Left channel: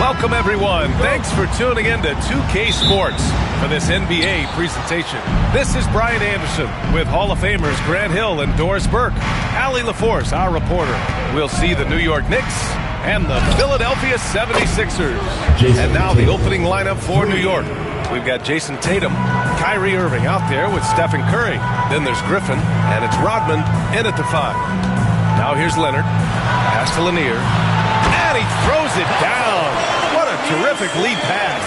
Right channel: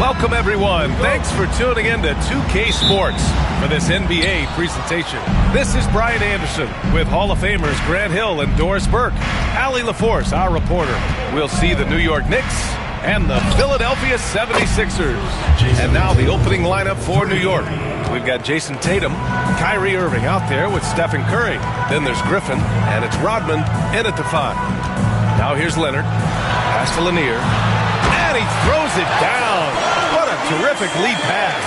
Welcome, everyone. Thanks for tuning in to 2K Sports for this NBA presentation. This is Brian Anderson with Hall of Famers Grant Hill and Doris Burke. Allie LaForce, our reporter. We'll see the New York Knicks and the Philadelphia 76ers. And now the opening lineup for New York. We've got Jason Tatum, Kyrie Irving out there with Stephen Curry. Then there's Griffin, and it's Rodman in at the 5. Now here's Leonard. Pass to Lanier. And he throws it down. What a terrific lead pass.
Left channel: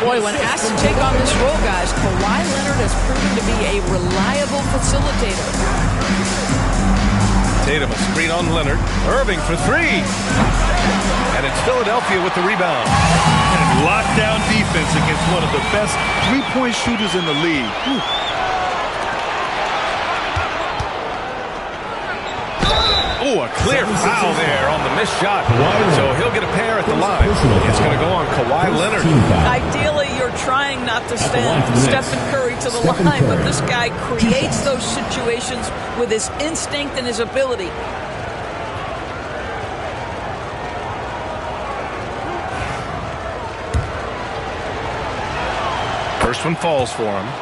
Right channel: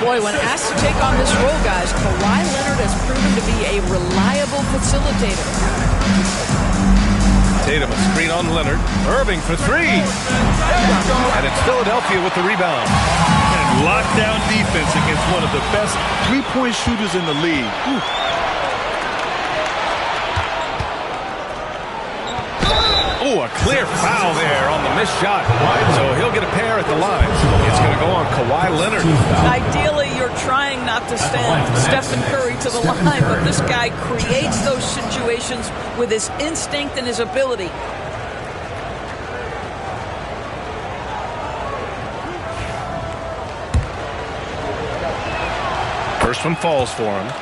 Boy, when asked to take on this role, guys, Kawhi Leonard has proven to be a reliable facilitator. Tatum, a screen on Leonard. Irving for 3. And it's Philadelphia with the rebound. And lockdown defense against one of the best three-point shooters in the league. Whew. Oh, a clear foul there on the missed shot. So he'll get a pair at the line. It's going to go on Kawhi Leonard. Ideally, you're trying not to send Stephen Curry to the line, but this guy creates those situations with his instinct and his ability. First one falls for him.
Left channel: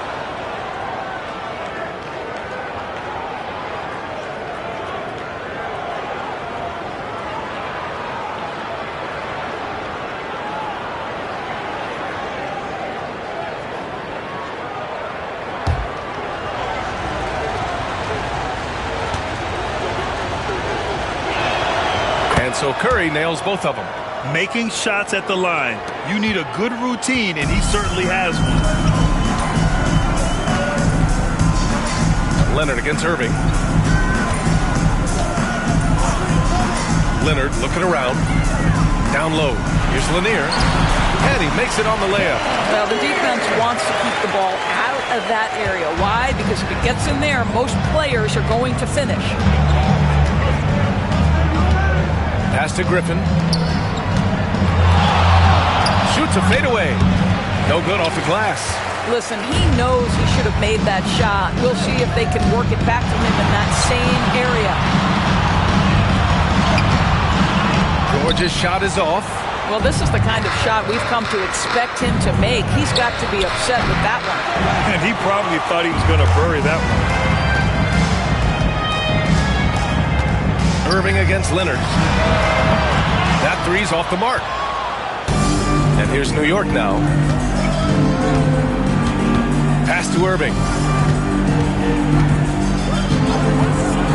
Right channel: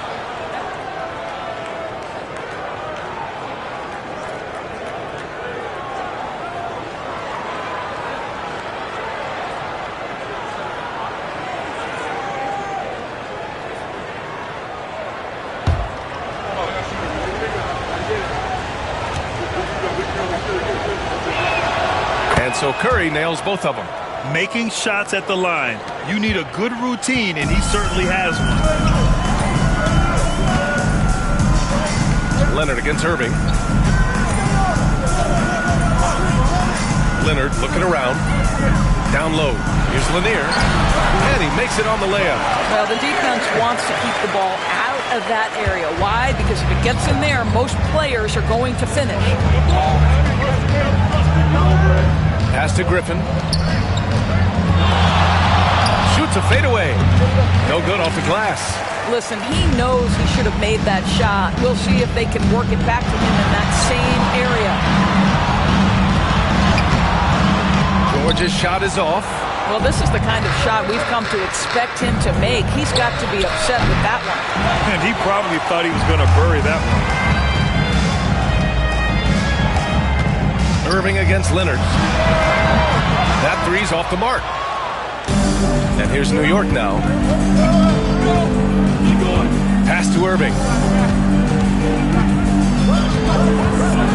And so Curry nails both of them. Making shots at the line. You need a good routine, and he certainly has one. Leonard against Irving. Leonard looking around. Down low. Here's Lanier. And he makes it on the layup. Well, the defense wants to keep the ball out of that area. Why? Because if it gets in there, most players are going to finish. Pass to Griffin. Shoots a fadeaway. No good off the glass. Listen, he knows he should have made that shot. We'll see if they can work it back to him in that same area. George's shot is off. Well, this is the kind of shot we've come to expect him to make. He's got to be upset with that one. And he probably thought he was going to bury that one. Irving against Leonard. That three's off the mark. And here's New York now. Pass to Irving.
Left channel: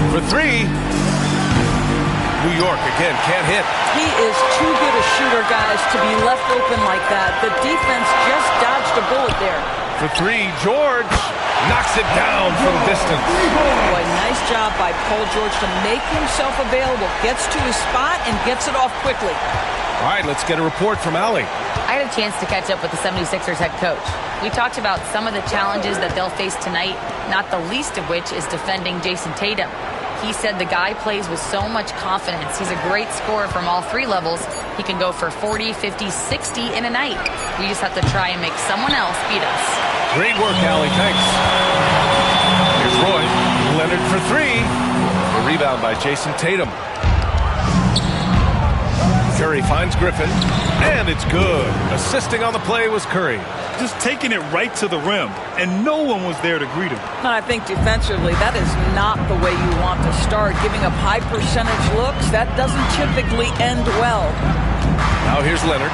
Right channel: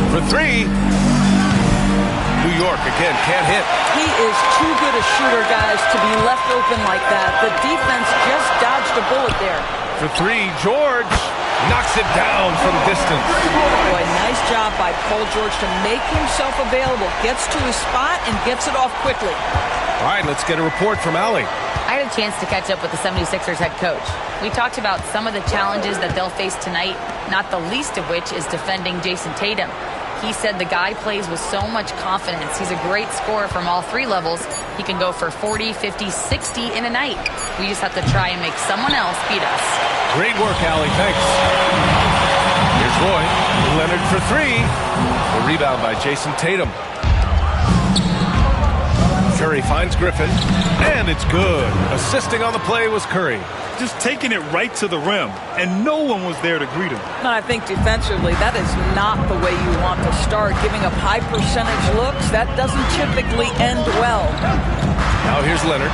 For 3. New York again can't hit. He is too good a shooter, guys, to be left open like that. The defense just dodged a bullet there. For 3, George knocks it down from distance. Boy, nice job by Paul George to make himself available. Gets to his spot and gets it off quickly. All right, let's get a report from Allie. I had a chance to catch up with the 76ers head coach. We talked about some of the challenges that they'll face tonight, not the least of which is defending Jason Tatum. He said the guy plays with so much confidence. He's a great scorer from all 3 levels. He can go for 40, 50, 60 in a night. We just have to try and make someone else beat us. Great work, Allie. Thanks. Here's Roy. Leonard for 3. The rebound by Jason Tatum. Curry finds Griffin, and it's good. Assisting on the play was Curry. Just taking it right to the rim, and no one was there to greet him. And I think defensively, that is not the way you want to start. Giving up high percentage looks, that doesn't typically end well. Now here's Leonard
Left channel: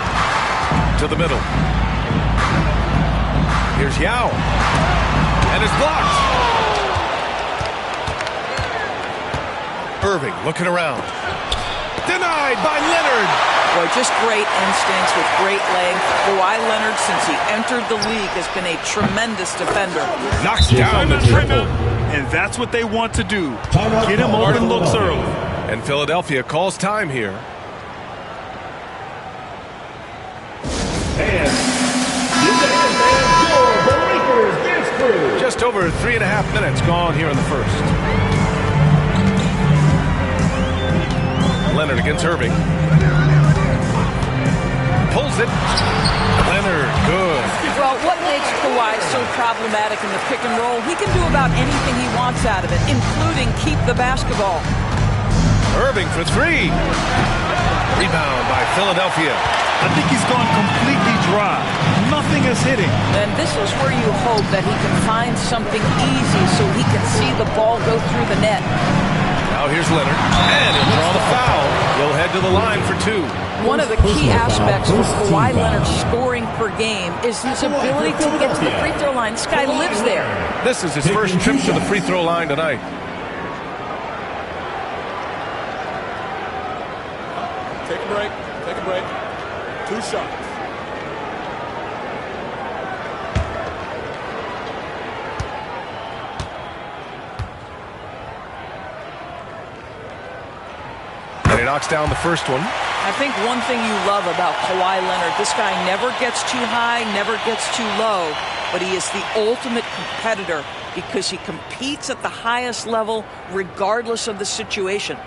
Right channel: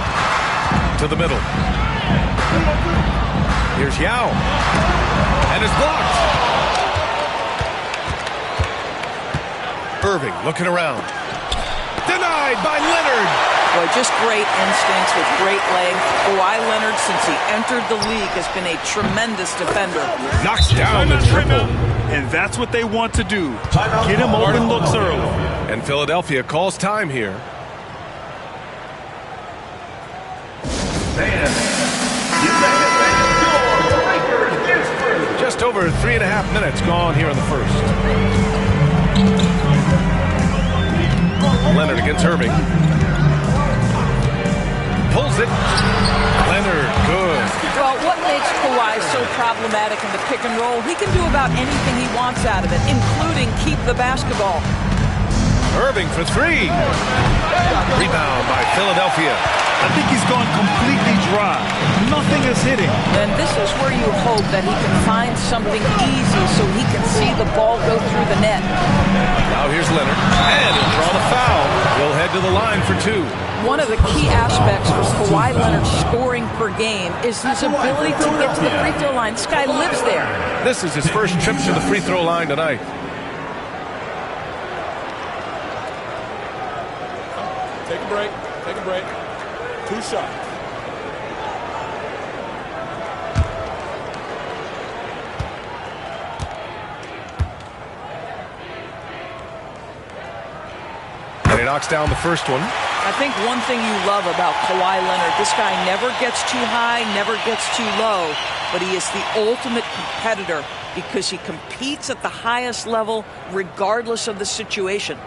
to the middle. Here's Yao. And it's blocked. Irving looking around. Denied by Leonard. Boy, just great instincts with great length. Kawhi Leonard, since he entered the league, has been a tremendous defender. Knocks down the triple. And that's what they want to do. Get him open looks early. And Philadelphia calls time here. Just over 3.5 minutes gone here in the first. Leonard against Irving. Pulls it. Leonard, good. Well, what makes Kawhi so problematic in the pick and roll? He can do about anything he wants out of it, including keep the basketball. Irving for three. Rebound by Philadelphia. I think he's gone completely dry. Nothing is hitting. And this is where you hope that he can find something easy so he can see the ball go through the net. Now here's Leonard, and he'll draw the foul. He'll head to the line for two. One of the key aspects for Kawhi Leonard's scoring per game is his ability to get to the free throw line. This guy lives there. This is his first trip to the free throw line tonight. Take a break. Take a break. 2 shots. And he knocks down the first one. I think one thing you love about Kawhi Leonard, this guy never gets too high, never gets too low, but he is the ultimate competitor because he competes at the highest level regardless of the situation.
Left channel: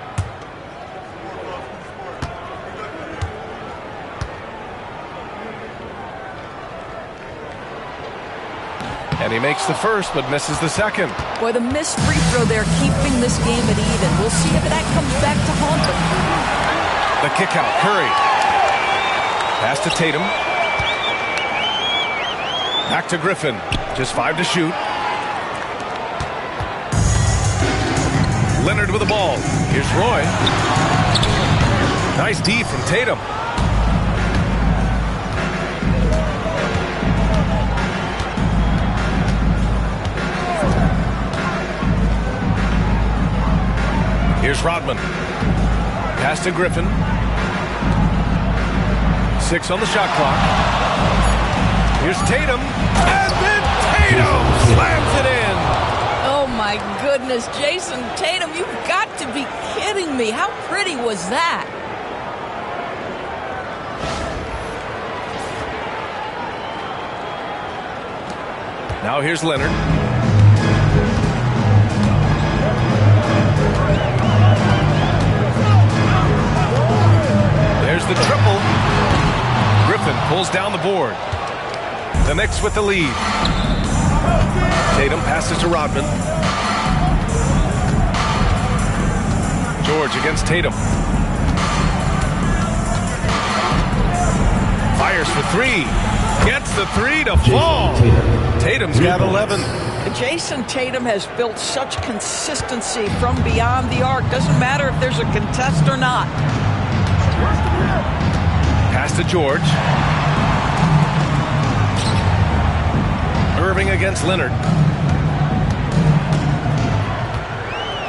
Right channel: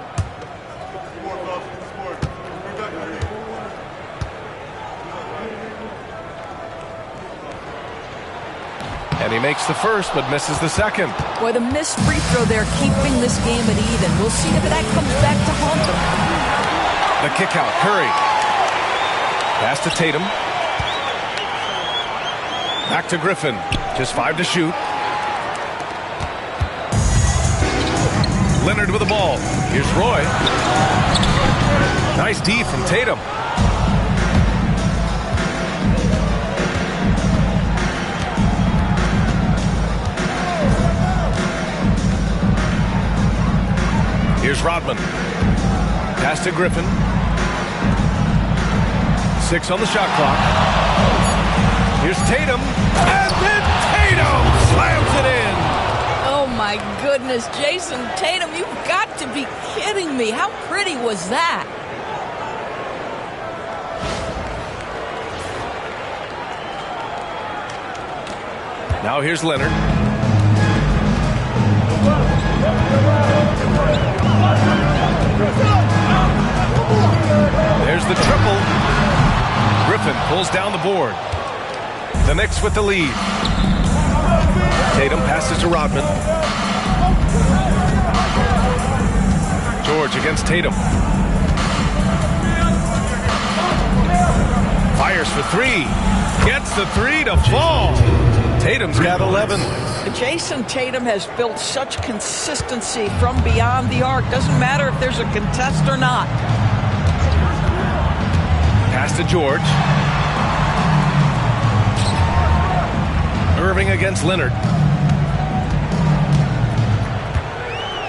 And he makes the first, but misses the second. Boy, the missed free throw there, keeping this game at even. We'll see if that comes back to haunt them. The kick out, Curry. Pass to Tatum. Back to Griffin. Just 5 to shoot. Leonard with the ball. Here's Roy. Nice D from Tatum. Here's Rodman. Pass to Griffin. 6 on the shot clock. Here's Tatum. And then Tatum slams it in. Oh, my goodness. Jason Tatum, you've got to be kidding me. How pretty was that? Now here's Leonard. There's the triple. Griffin pulls down the board. The Knicks with the lead. Tatum passes to Rodman. George against Tatum. Fires for 3. Gets the 3 to fall. Tatum's got 11. Jason Tatum has built such consistency from beyond the arc. Doesn't matter if there's a contest or not. Pass to George. Irving against Leonard.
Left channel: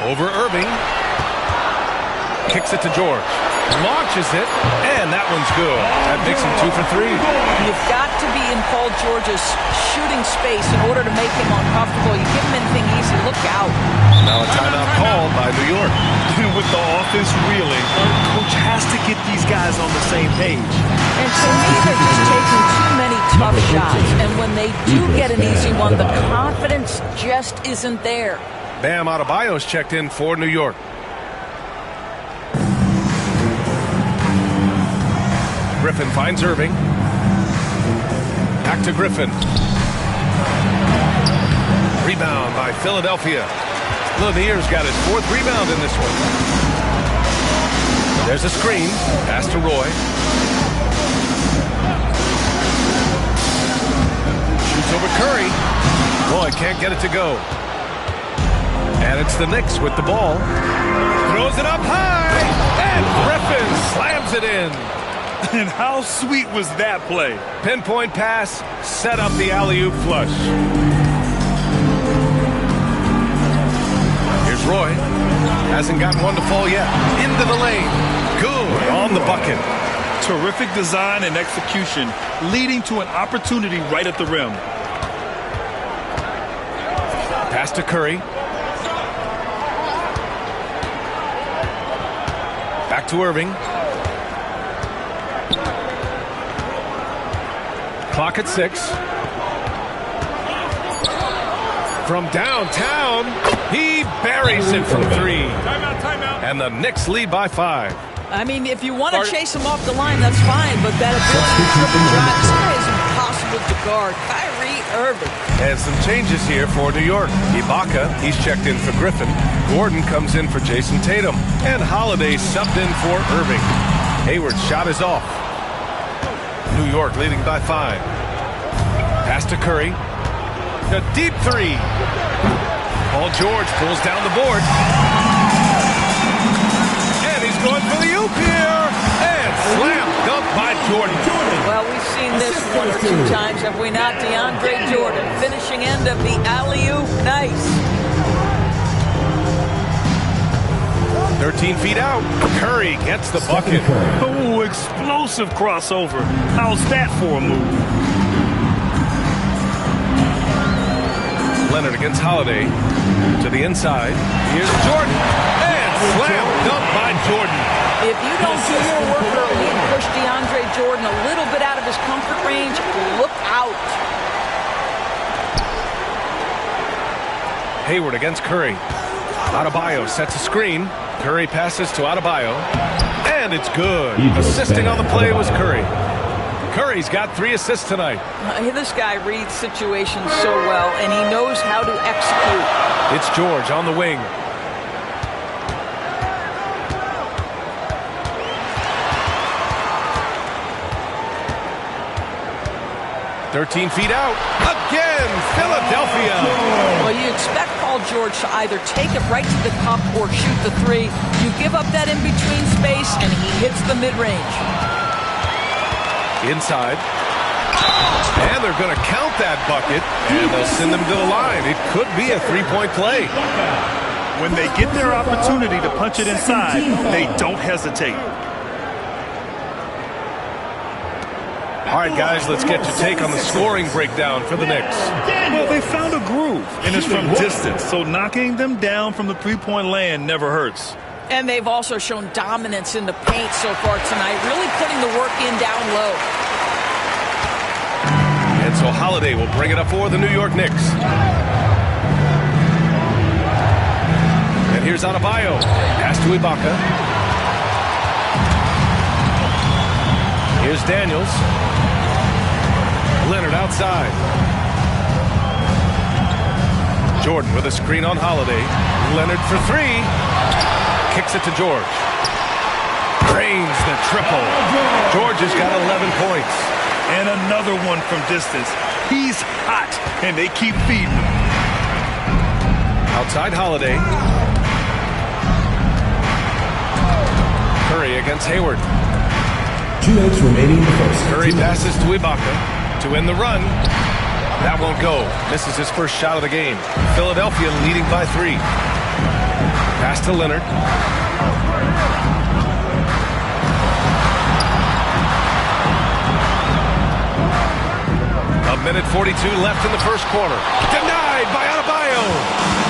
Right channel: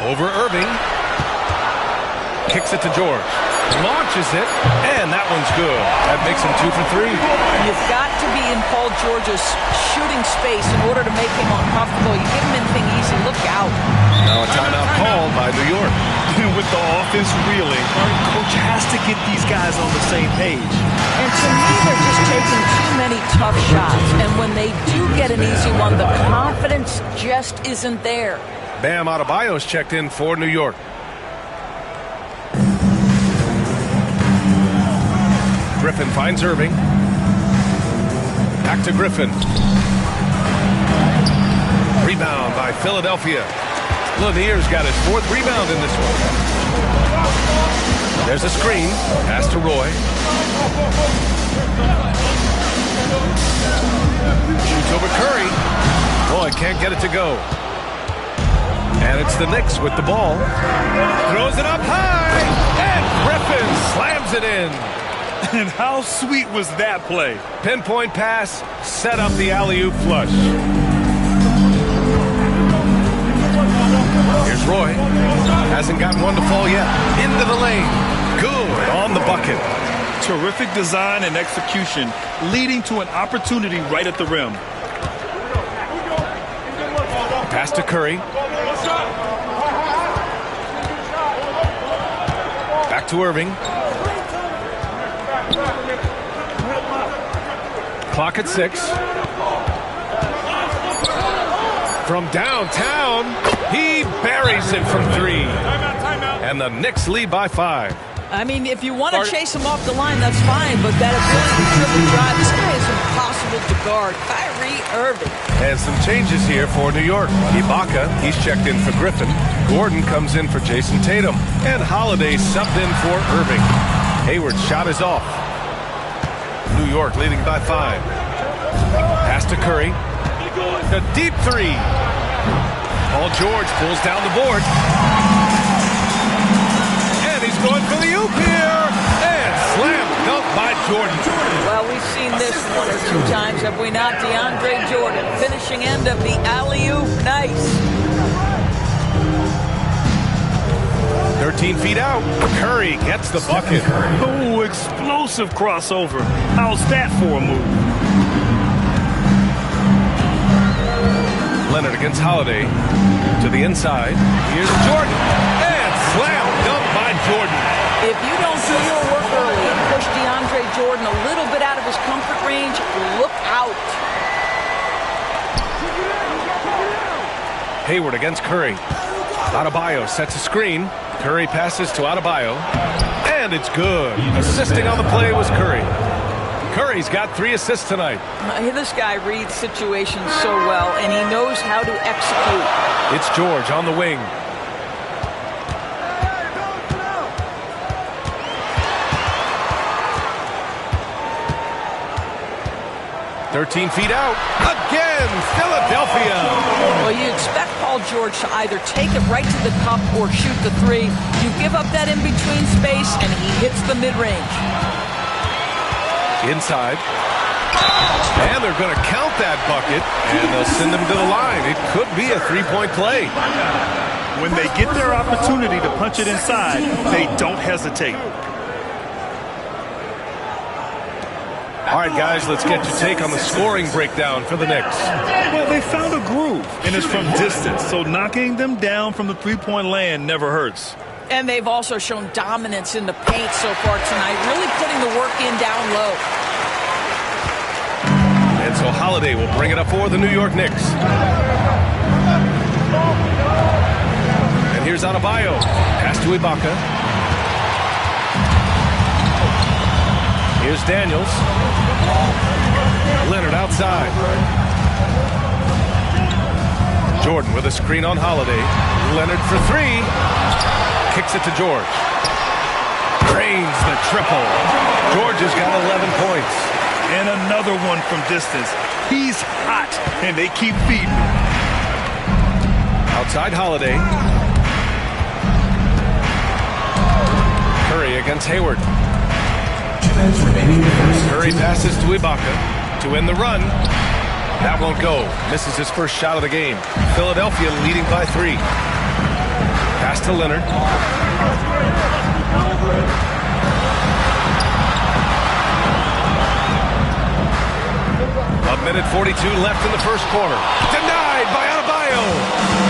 Over Irving. Kicks it to George. Launches it, and that one's good. That makes him 2 for 3. You've got to be in Paul George's shooting space in order to make him uncomfortable. You give him anything easy, look out. Now a timeout called by New York. With the offense reeling, our coach has to get these guys on the same page. And to me, they're just taking too many tough shots. And when they do get an easy one, the confidence just isn't there. Bam Adebayo's checked in for New York. Griffin finds Irving. Back to Griffin. Rebound by Philadelphia. Lanier's got his 4th rebound in this one. There's a screen. Pass to Roy. Shoots over Curry. Roy can't get it to go. And it's the Knicks with the ball. Throws it up high. And Griffin slams it in. And how sweet was that play? Pinpoint pass, set up the alley-oop flush. Here's Roy. Hasn't gotten one to fall yet. Into the lane. Good on the bucket. Terrific design and execution, leading to an opportunity right at the rim. Pass to Curry. Back to Irving. Clock at 6. From downtown, he buries it from 3. Timeout. And the Knicks lead by 5. I mean, if you want to chase him off the line, that's fine, but that ability to triple drive, this guy is impossible to guard. Kyrie Irving. And some changes here for New York. Ibaka, he's checked in for Griffin. Gordon comes in for Jason Tatum. And Holiday subbed in for Irving. Hayward's shot is off. New York leading by 5. Pass to Curry. A deep three. Paul George pulls down the board. And he's going for the oop here. And slam dunk by Jordan. Well, we've seen this one or two times, have we not? DeAndre Jordan, finishing end of the alley-oop. Nice. 13 feet out. Curry gets the bucket. Oh, explosive crossover. How's that for a move? Leonard against Holiday. To the inside. Here's Jordan. And slam dunk by Jordan. If you don't do your work early and push DeAndre Jordan a little bit out of his comfort range, look out. Hayward against Curry. Adebayo sets a screen. Curry passes to Adebayo. And it's good. Assisting on the play was Curry. Curry's got 3 assists tonight. This guy reads situations so well, and he knows how to execute. It's George on the wing. "13 feet out. Again, Philadelphia." Well, you expect Paul George to either take it right to the cup or shoot the 3. You give up that in-between space, and he hits the mid-range. Inside. And they're going to count that bucket, and they'll send him to the line. It could be a 3-point play. When they get their opportunity to punch it inside, they don't hesitate. All right, guys, let's get your take on the scoring breakdown for the Knicks. Well, they found a groove, and it's from distance, so knocking them down from the three-point land never hurts. And they've also shown dominance in the paint so far tonight, really putting the work in down low. And so Holiday will bring it up for the New York Knicks. And here's Adebayo. Pass to Ibaka. Here's Daniels. Leonard outside. Jordan with a screen on Holiday. Leonard for 3. Kicks it to George. Drains the triple. George has got 11 points. And another one from distance. He's hot, and they keep feeding him. Outside Holiday. Curry against Hayward. 2 minutes remaining in the first. Curry passes to Ibaka to end the run. That won't go. Misses his first shot of the game. Philadelphia leading by 3. Pass to Leonard. A minute 42 left in the first quarter. Denied by Adebayo.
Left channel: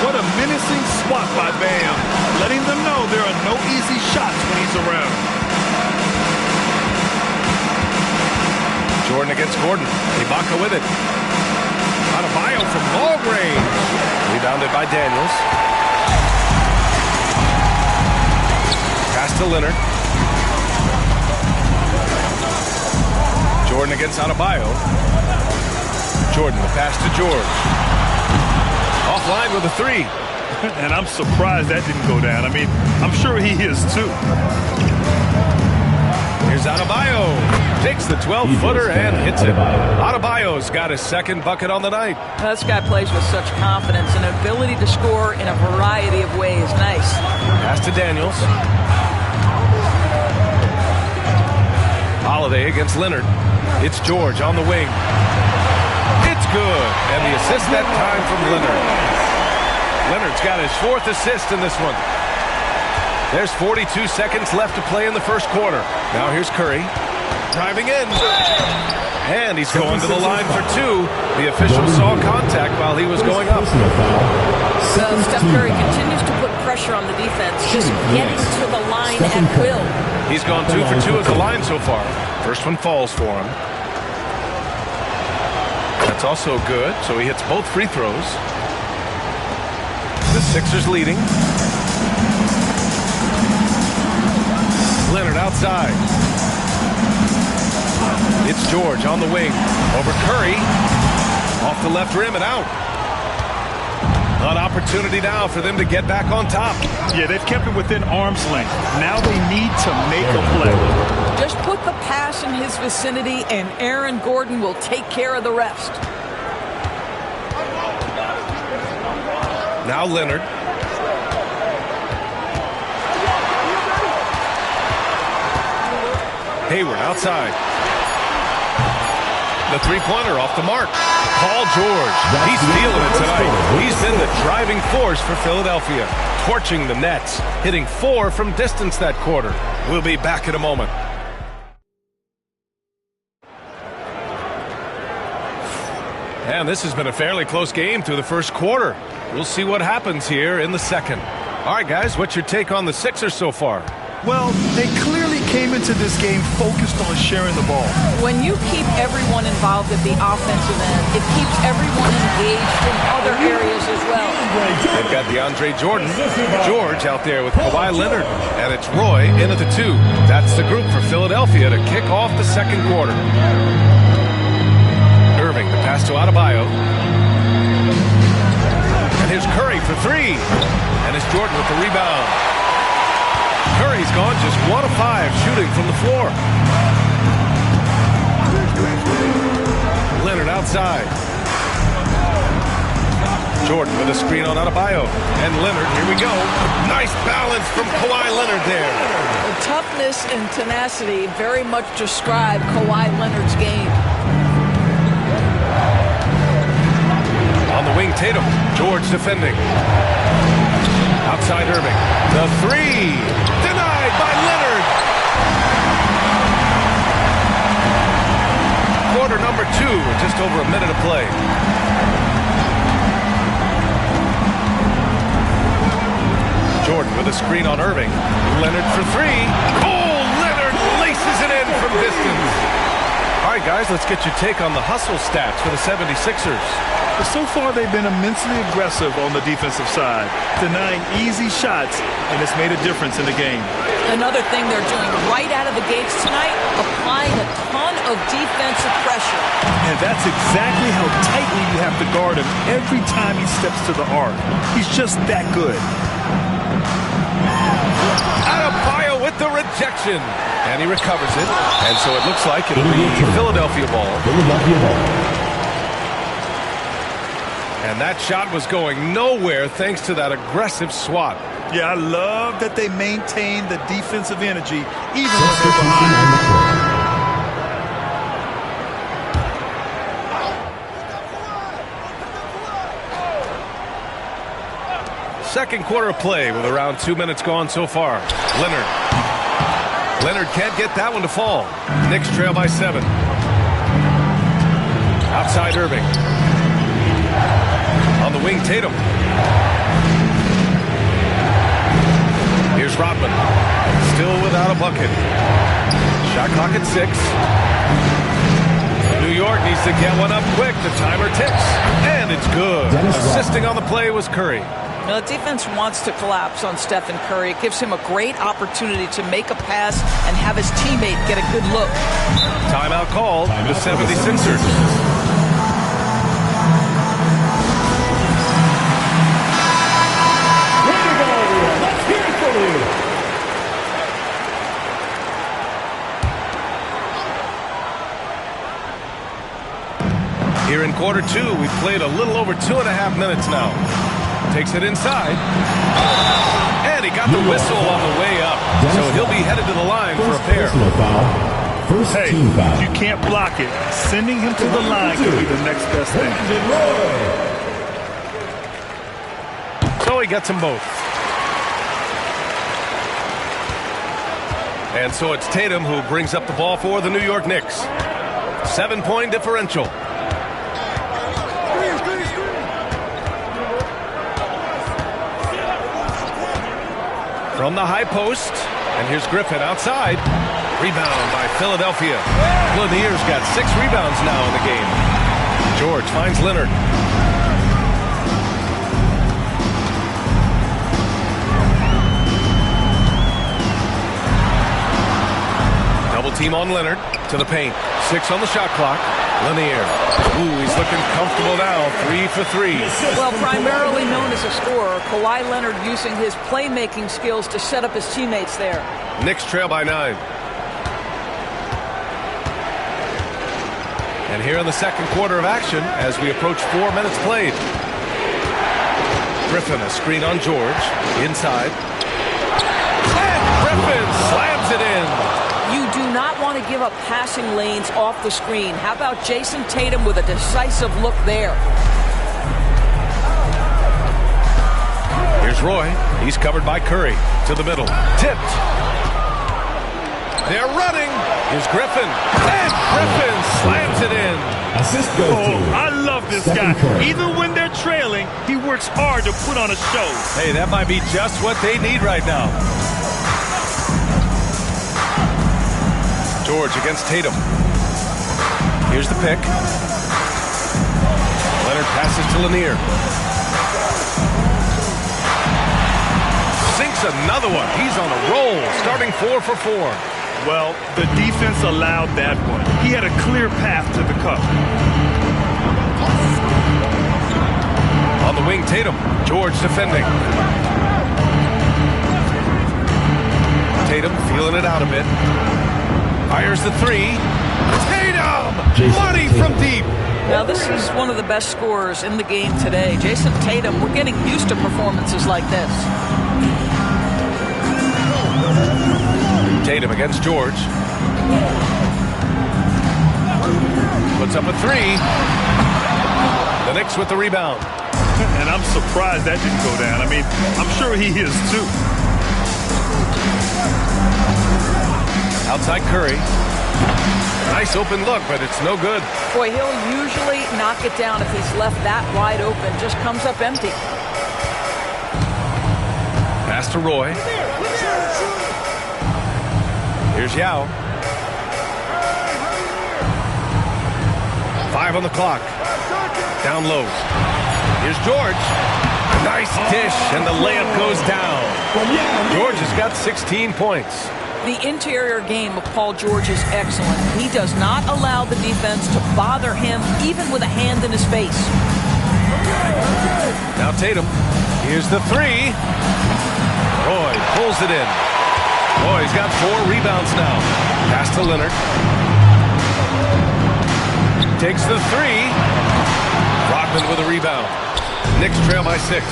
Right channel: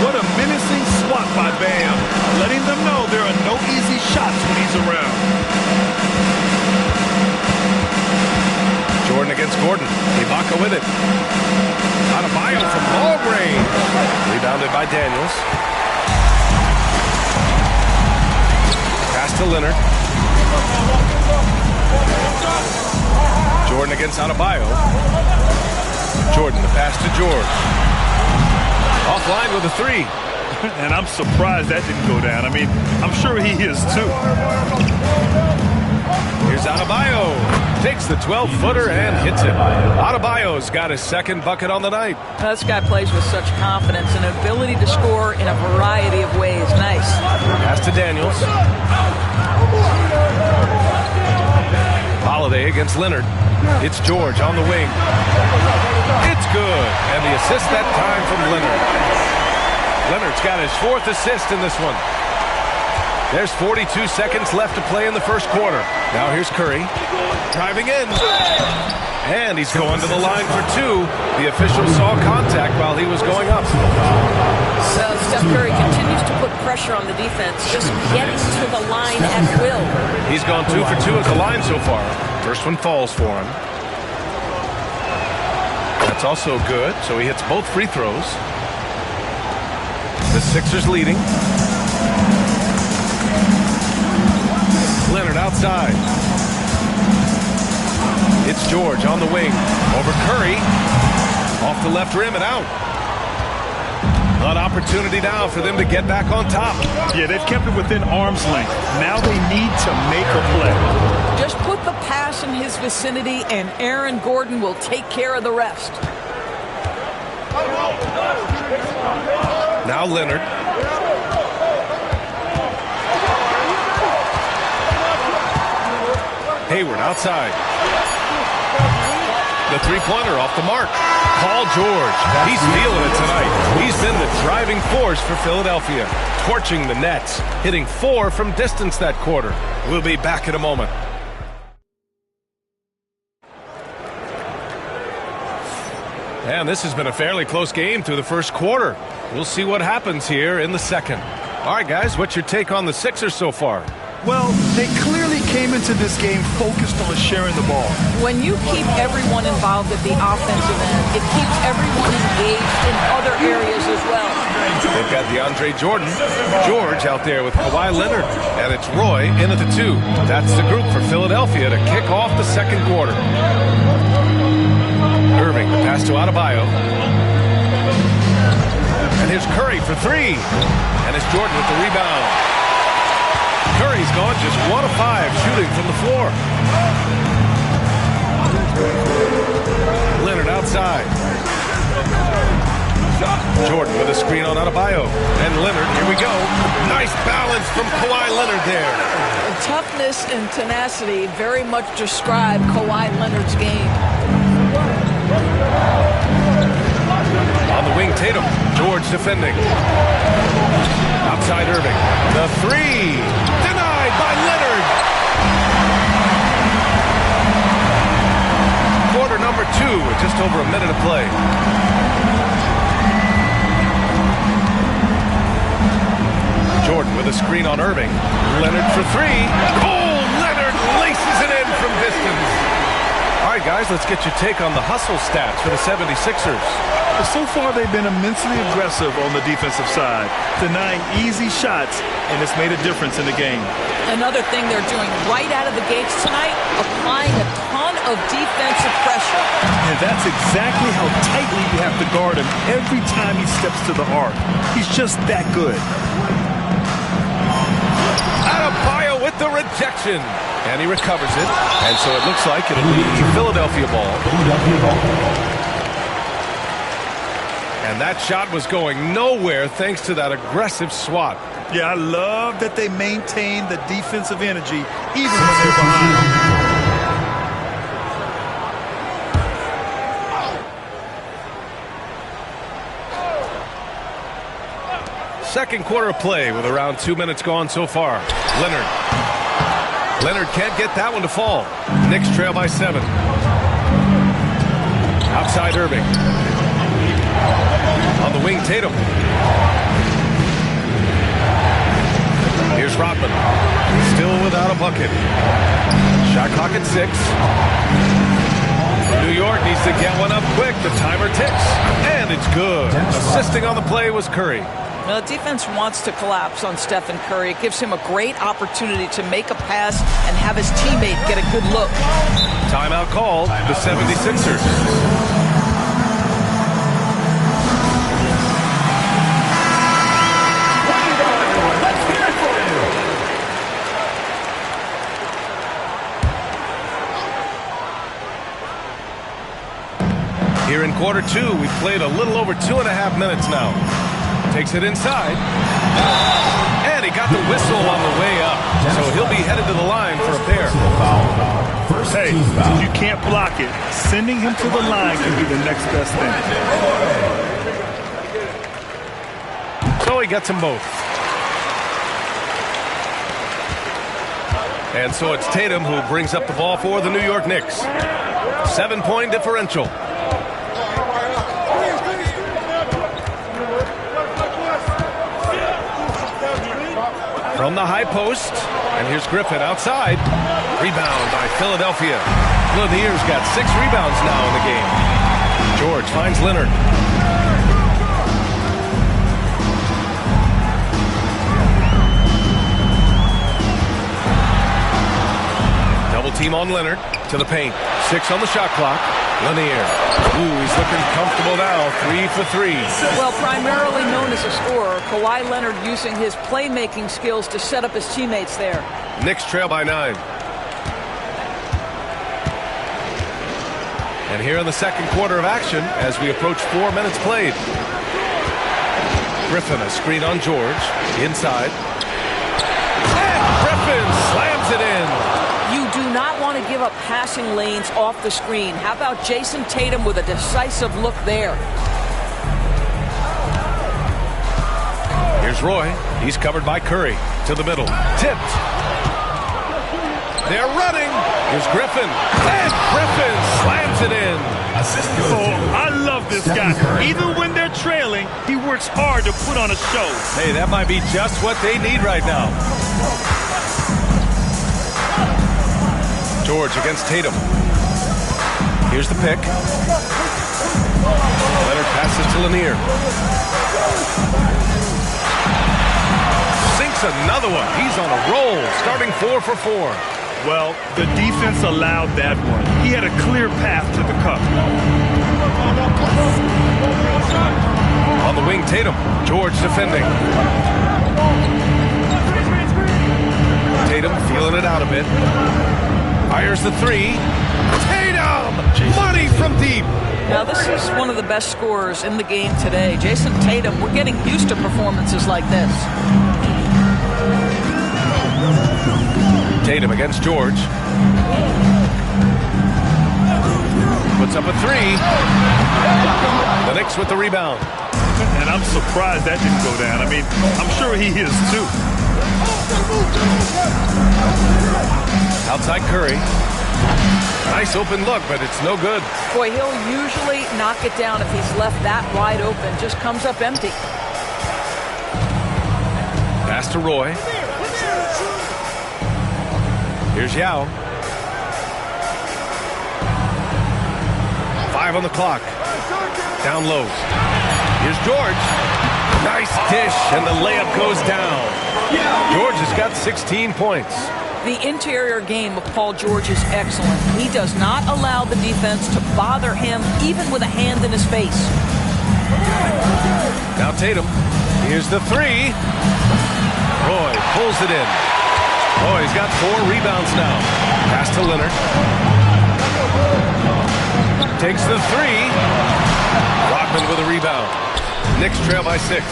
What a menacing swat by Bam, letting them know there are no easy shots when he's around. Jordan against Gordon. Ibaka with it. Adebayo from long range. Rebounded by Daniels. Pass to Leonard. Jordan against Adebayo. Jordan, the pass to George. Offline with a 3. And I'm surprised that didn't go down. I mean, I'm sure he is too. Here's Adebayo. Takes the 12-footer and hits it. Adebayo's got his second bucket on the night. This guy plays with such confidence and ability to score in a variety of ways. Nice. Pass to Daniels. Holiday against Leonard. It's George on the wing. It's good. And the assist that time from Leonard. Leonard's got his 4th assist in this one. There's 42 seconds left to play in the first quarter. Now here's Curry. Driving in. And he's going to the line for 2. The official saw contact while he was going up. So Steph Curry continues to put pressure on the defense, just getting to the line at will. He's gone 2 for 2 at the line so far. First one falls for him. That's also good, so he hits both free throws. The Sixers leading. Leonard outside. It's George on the wing. Over Curry. Off the left rim and out. An opportunity now for them to get back on top. Yeah, they've kept it within arm's length. Now they need to make a play. Just put the pass in his vicinity, and Aaron Gordon will take care of the rest. Now Leonard. Hayward outside. The three-pointer off the mark. Paul George, he's feeling it tonight. He's been the driving force for Philadelphia, torching the Nets, hitting 4 from distance that quarter. We'll be back in a moment. And this has been a fairly close game through the first quarter. We'll see what happens here in the second. All right, guys, what's your take on the Sixers so far? Well, they clearly came into this game focused on sharing the ball. When you keep everyone involved at the offensive end, it keeps everyone engaged in other areas as well. They've got DeAndre Jordan, George out there with Kawhi Leonard, and it's Roy in at the 2. That's the group for Philadelphia to kick off the second quarter. Irving, the pass to Adebayo. And here's Curry for 3. And it's Jordan with the rebound. Curry's gone just 1 of 5 shooting from the floor. Leonard outside. Jordan with a screen on Adebayo. And Leonard, here we go. Nice balance from Kawhi Leonard there. The toughness and tenacity very much describe Kawhi Leonard's game. On the wing, Tatum. George defending. Outside Irving. The 3. Denied by Leonard. Quarter number 2 with just over a minute of play. Jordan with a screen on Irving. Leonard for 3. Oh, Leonard laces it in from distance. All right, guys, let's get your take on the hustle stats for the 76ers. But so far, they've been immensely aggressive on the defensive side, denying easy shots, and it's made a difference in the game. Another thing they're doing right out of the gates tonight, applying a ton of defensive pressure. And that's exactly how tightly you have to guard him every time he steps to the arc. He's just that good. Adebayo with the rejection. And he recovers it. And so it looks like it'll be Philadelphia ball. And that shot was going nowhere thanks to that aggressive swat. Yeah, I love that they maintain the defensive energy even when they're behind. Second quarter of play with around 2 minutes gone so far. Leonard. Leonard can't get that one to fall. Knicks trail by 7. Outside Irving. On the wing, Tatum. Here's Rodman. Still without a bucket. Shot clock at 6. New York needs to get one up quick. The timer ticks. And it's good. Assisting on the play was Curry. Now, the defense wants to collapse on Stephen Curry. It gives him a great opportunity to make a pass and have his teammate get a good look. Timeout call, the 76ers. Let's hear it from you. Here in quarter 2, we've played a little over 2.5 minutes now. Takes it inside. And he got the whistle on the way up. So he'll be headed to the line for a pair. Hey, if you can't block it, sending him to the line could be the next best thing. So he gets them both. And so it's Tatum who brings up the ball for the New York Knicks. 7-point differential. From the high post, and here's Griffin outside. Rebound by Philadelphia. Lanier's got 6 rebounds now in the game. George finds Leonard. Double team on Leonard to the paint. 6 on the shot clock. Lanier. Ooh, he's looking comfortable now. 3 for 3. Well, primarily known as a scorer, Kawhi Leonard using his playmaking skills to set up his teammates there. Knicks trail by 9. And here in the second quarter of action as we approach 4 minutes played. Griffin, a screen on George. Inside. And Griffin slams it in. You do not want to give up passing lanes off the screen. How about Jason Tatum with a decisive look there? Here's Roy. He's covered by Curry. To the middle. Tipped. They're running. Here's Griffin. And Griffin slams it in. I love this guy. Even when they're trailing, he works hard to put on a show. Hey, that might be just what they need right now. George against Tatum. Here's the pick. Leonard passes to Lanier. Sinks another one. He's on a roll, starting 4 for 4. Well, the defense allowed that one. He had a clear path to the cup. On the wing, Tatum. George defending. Tatum feeling it out a bit. Fires the 3. Tatum! Money from deep. Now, this is one of the best scorers in the game today. Jason Tatum, we're getting used to performances like this. Tatum against George. Puts up a 3. The Knicks with the rebound. And I'm surprised that didn't go down. I mean, I'm sure he is too. Outside Curry. Nice open look, but it's no good. Boy, he'll usually knock it down if he's left that wide open. Just comes up empty. Pass to Roy. Here's Yao. 5 on the clock. Down low. Here's George. Nice dish, and the layup goes down. George has got 16 points. The interior game of Paul George is excellent. He does not allow the defense to bother him, even with a hand in his face. Now Tatum. Here's the 3. Roy pulls it in. Oh, he's got 4 rebounds now. Pass to Leonard. Takes the 3. Rodman with a rebound. Knicks trail by 6.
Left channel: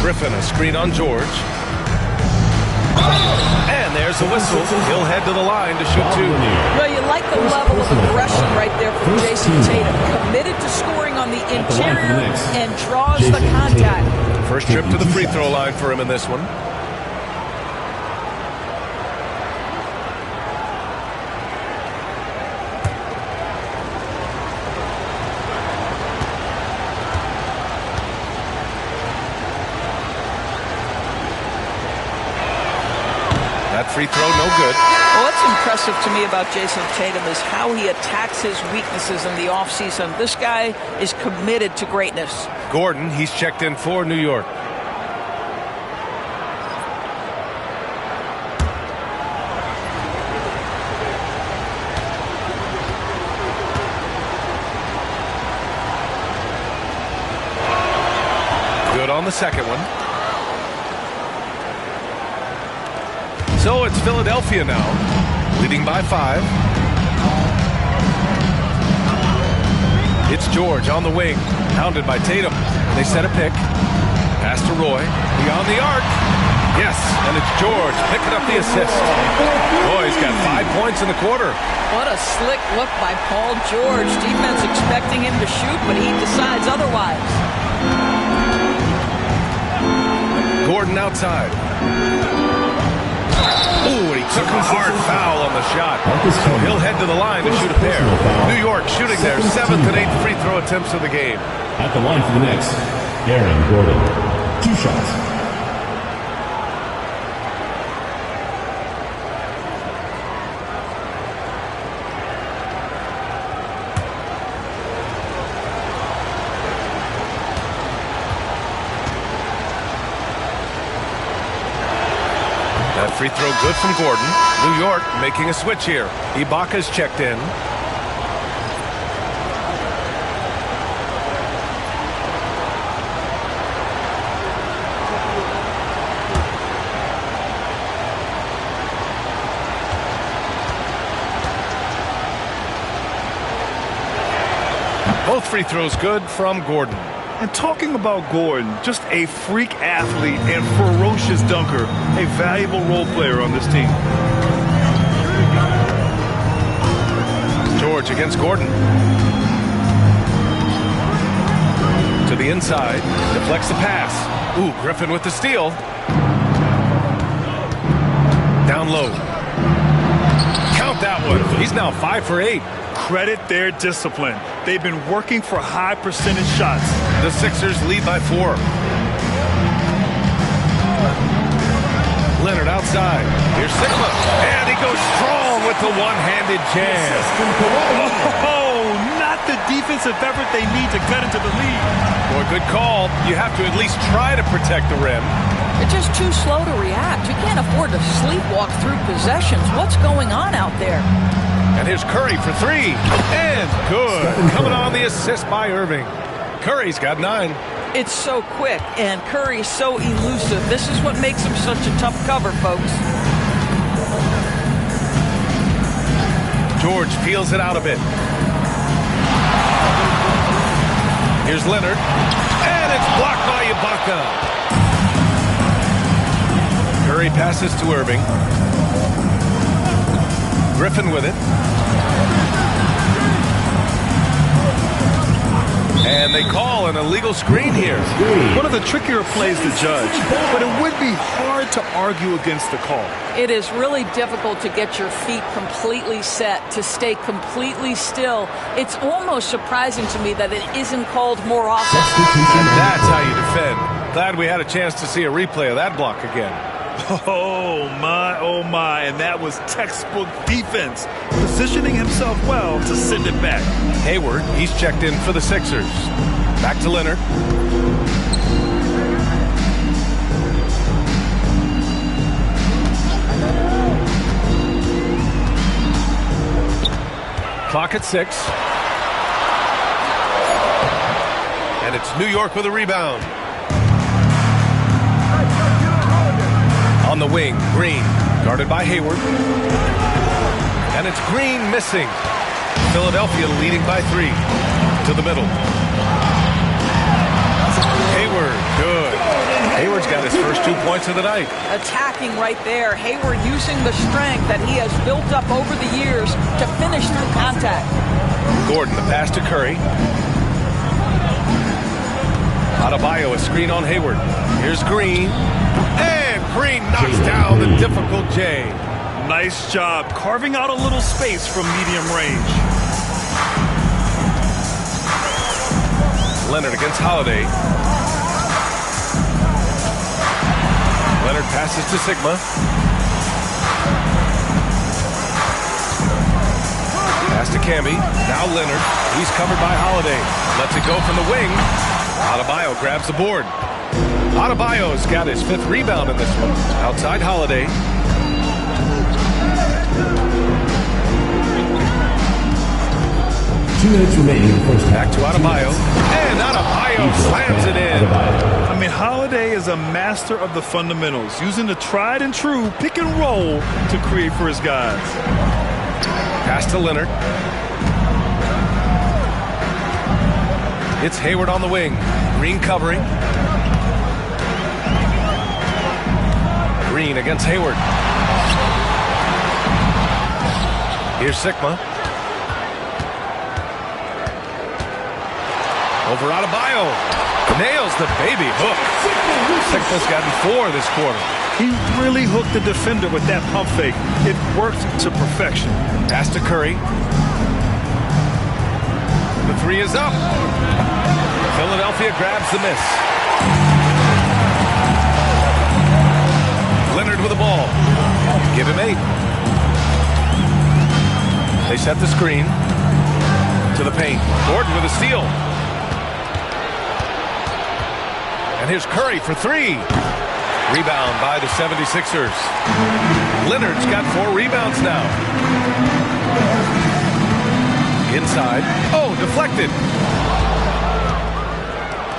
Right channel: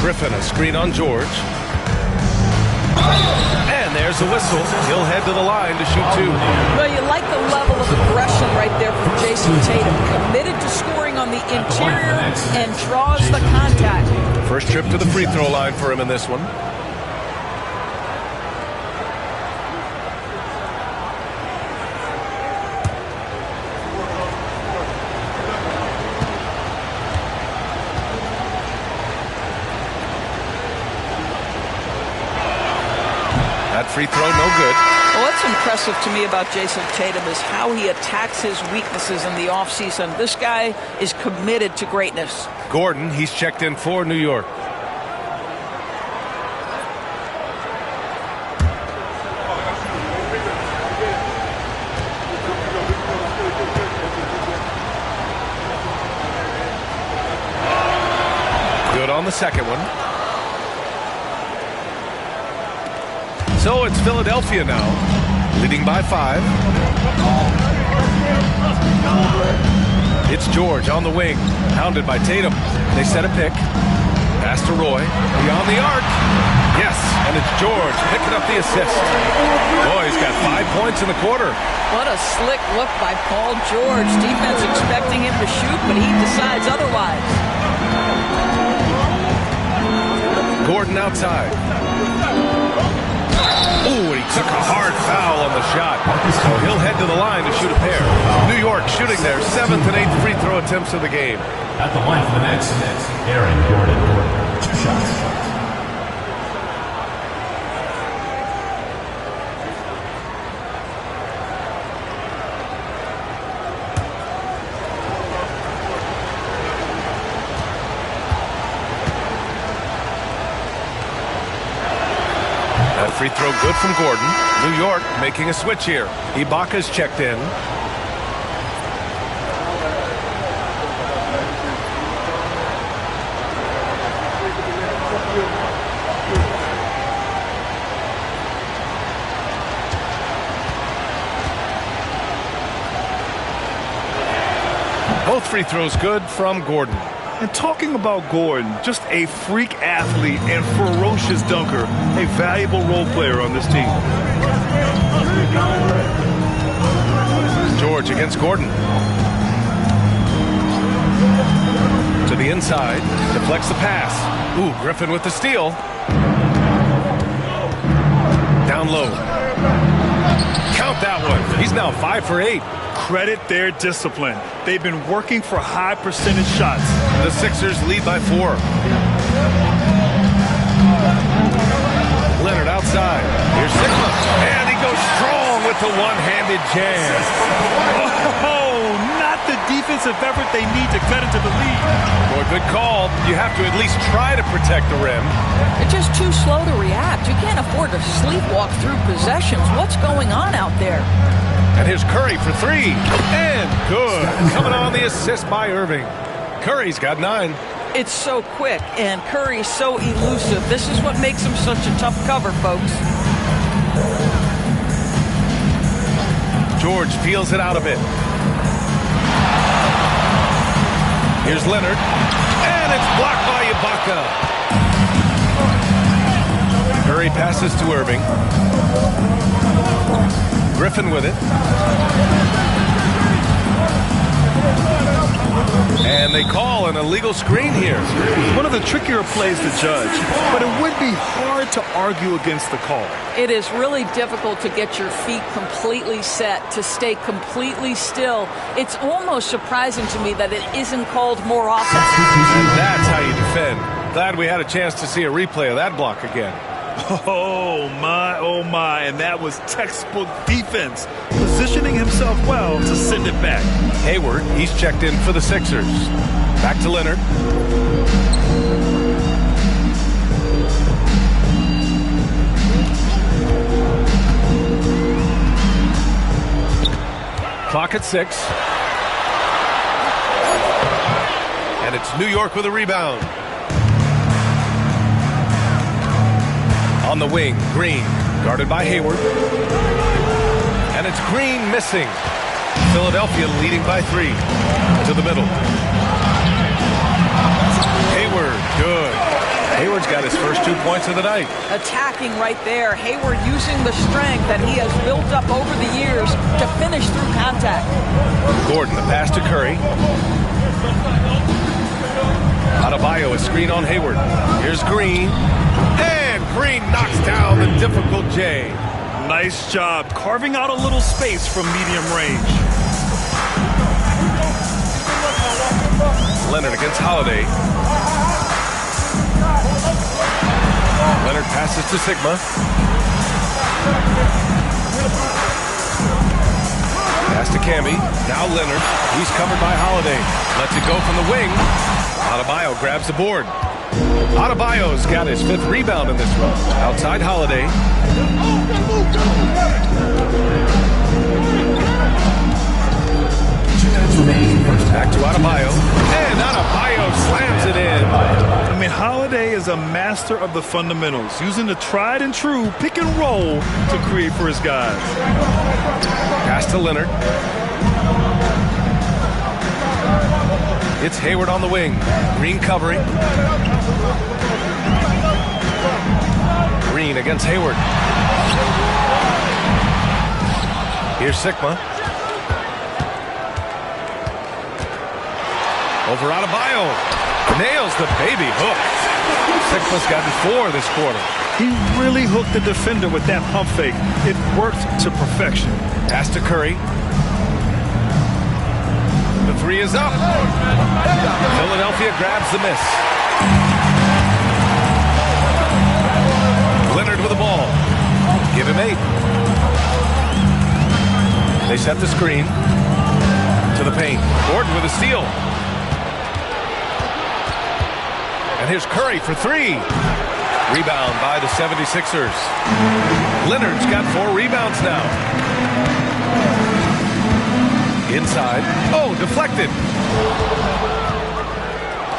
Griffin, a screen on George. And there's a whistle. He'll head to the line to shoot 2. Well, you like the level of aggression right there from Jason Tatum. Committed to scoring on the interior and draws the contact. First trip to the free throw line for him in this one. That free throw, no good. Well, what's impressive to me about Jason Tatum is how he attacks his weaknesses in the offseason. This guy is committed to greatness. Gordon, he's checked in for New York. Good on the second one. So it's Philadelphia now, leading by 5. It's George on the wing, hounded by Tatum. They set a pick. Pass to Roy, beyond the arc. Yes, and it's George picking up the assist. Boy, he's got 5 points in the quarter. What a slick look by Paul George. Defense expecting him to shoot, but he decides otherwise. Gordon outside. Ooh, and he took a hard foul on the shot. So he'll head to the line to shoot a pair. New York shooting their 7th and 8th free throw attempts of the game. At the line for the Knicks, Aaron Gordon. 2 shots. That Free throw good from Gordon. New York making a switch here. Ibaka's checked in. Both free throws good from Gordon. And talking about Gordon, just a freak athlete and ferocious dunker, a valuable role player on this team. George against Gordon. To the inside, deflects the pass. Ooh, Griffin with the steal. Down low. Count that one. He's now 5 for 8. Credit their discipline. They've been working for high percentage shots. The Sixers lead by 4. Leonard outside. Here's Sigma. And he goes strong with the one-handed jam. Oh, not the defensive effort they need to cut into the lead. Boy, good call. You have to at least try to protect the rim. They're just too slow to react. You can't afford to sleepwalk through possessions. What's going on out there? And here's Curry for 3. And good. Coming on the assist by Irving. Curry's got 9. It's so quick, and Curry's so elusive. This is what makes him such a tough cover, folks. George feels it out a bit. Here's Leonard. And it's blocked by Ibaka. Curry passes to Irving. Griffin with it. And they call an illegal screen here. One of the trickier plays to judge, but it would be hard to argue against the call. It is really difficult to get your feet completely set, to stay completely still. It's almost surprising to me that it isn't called more often. And that's how you defend. Glad we had a chance to see a replay of that block again. Oh my, and that was textbook defense. Positioning himself well to send it back. Hayward, he's checked in for the Sixers. Back to Leonard. Clock at 6. And it's New York with a rebound. On the wing, Green, guarded by Hayward. And it's Green missing. Philadelphia leading by 3. To the middle. Hayward, good. Hayward's got his first 2 points of the night. Attacking right there. Hayward using the strength that he has built up over the years to finish through contact. Gordon, the pass to Curry. Adebayo, a screen on Hayward. Here's Green. And Green knocks down the difficult J. Nice job carving out a little space from medium range. Leonard against Holiday. Leonard passes to Sigma. Pass to Camby. Now Leonard. He's covered by Holiday. Lets it go from the wing. Adebayo grabs the board. Adebayo's got his 5th rebound in this one. Outside Holiday. 2 minutes remaining. Back to Adebayo. And Adebayo slams it in. I mean, Holiday is a master of the fundamentals, using the tried and true pick and roll to create for his guys. Pass to Leonard. It's Hayward on the wing. Green covering. Green against Hayward. Here's Sigma. Over Adebayo. Nails the baby hook. Sigma's gotten 4 this quarter. He really hooked the defender with that pump fake. It worked to perfection. Pass to Curry. The 3 is up. Philadelphia grabs the miss. Leonard with the ball. Give him 8. They set the screen to the paint. Gordon with a steal. And here's Curry for 3. Rebound by the 76ers. Leonard's got 4 rebounds now. Inside. Oh, deflected.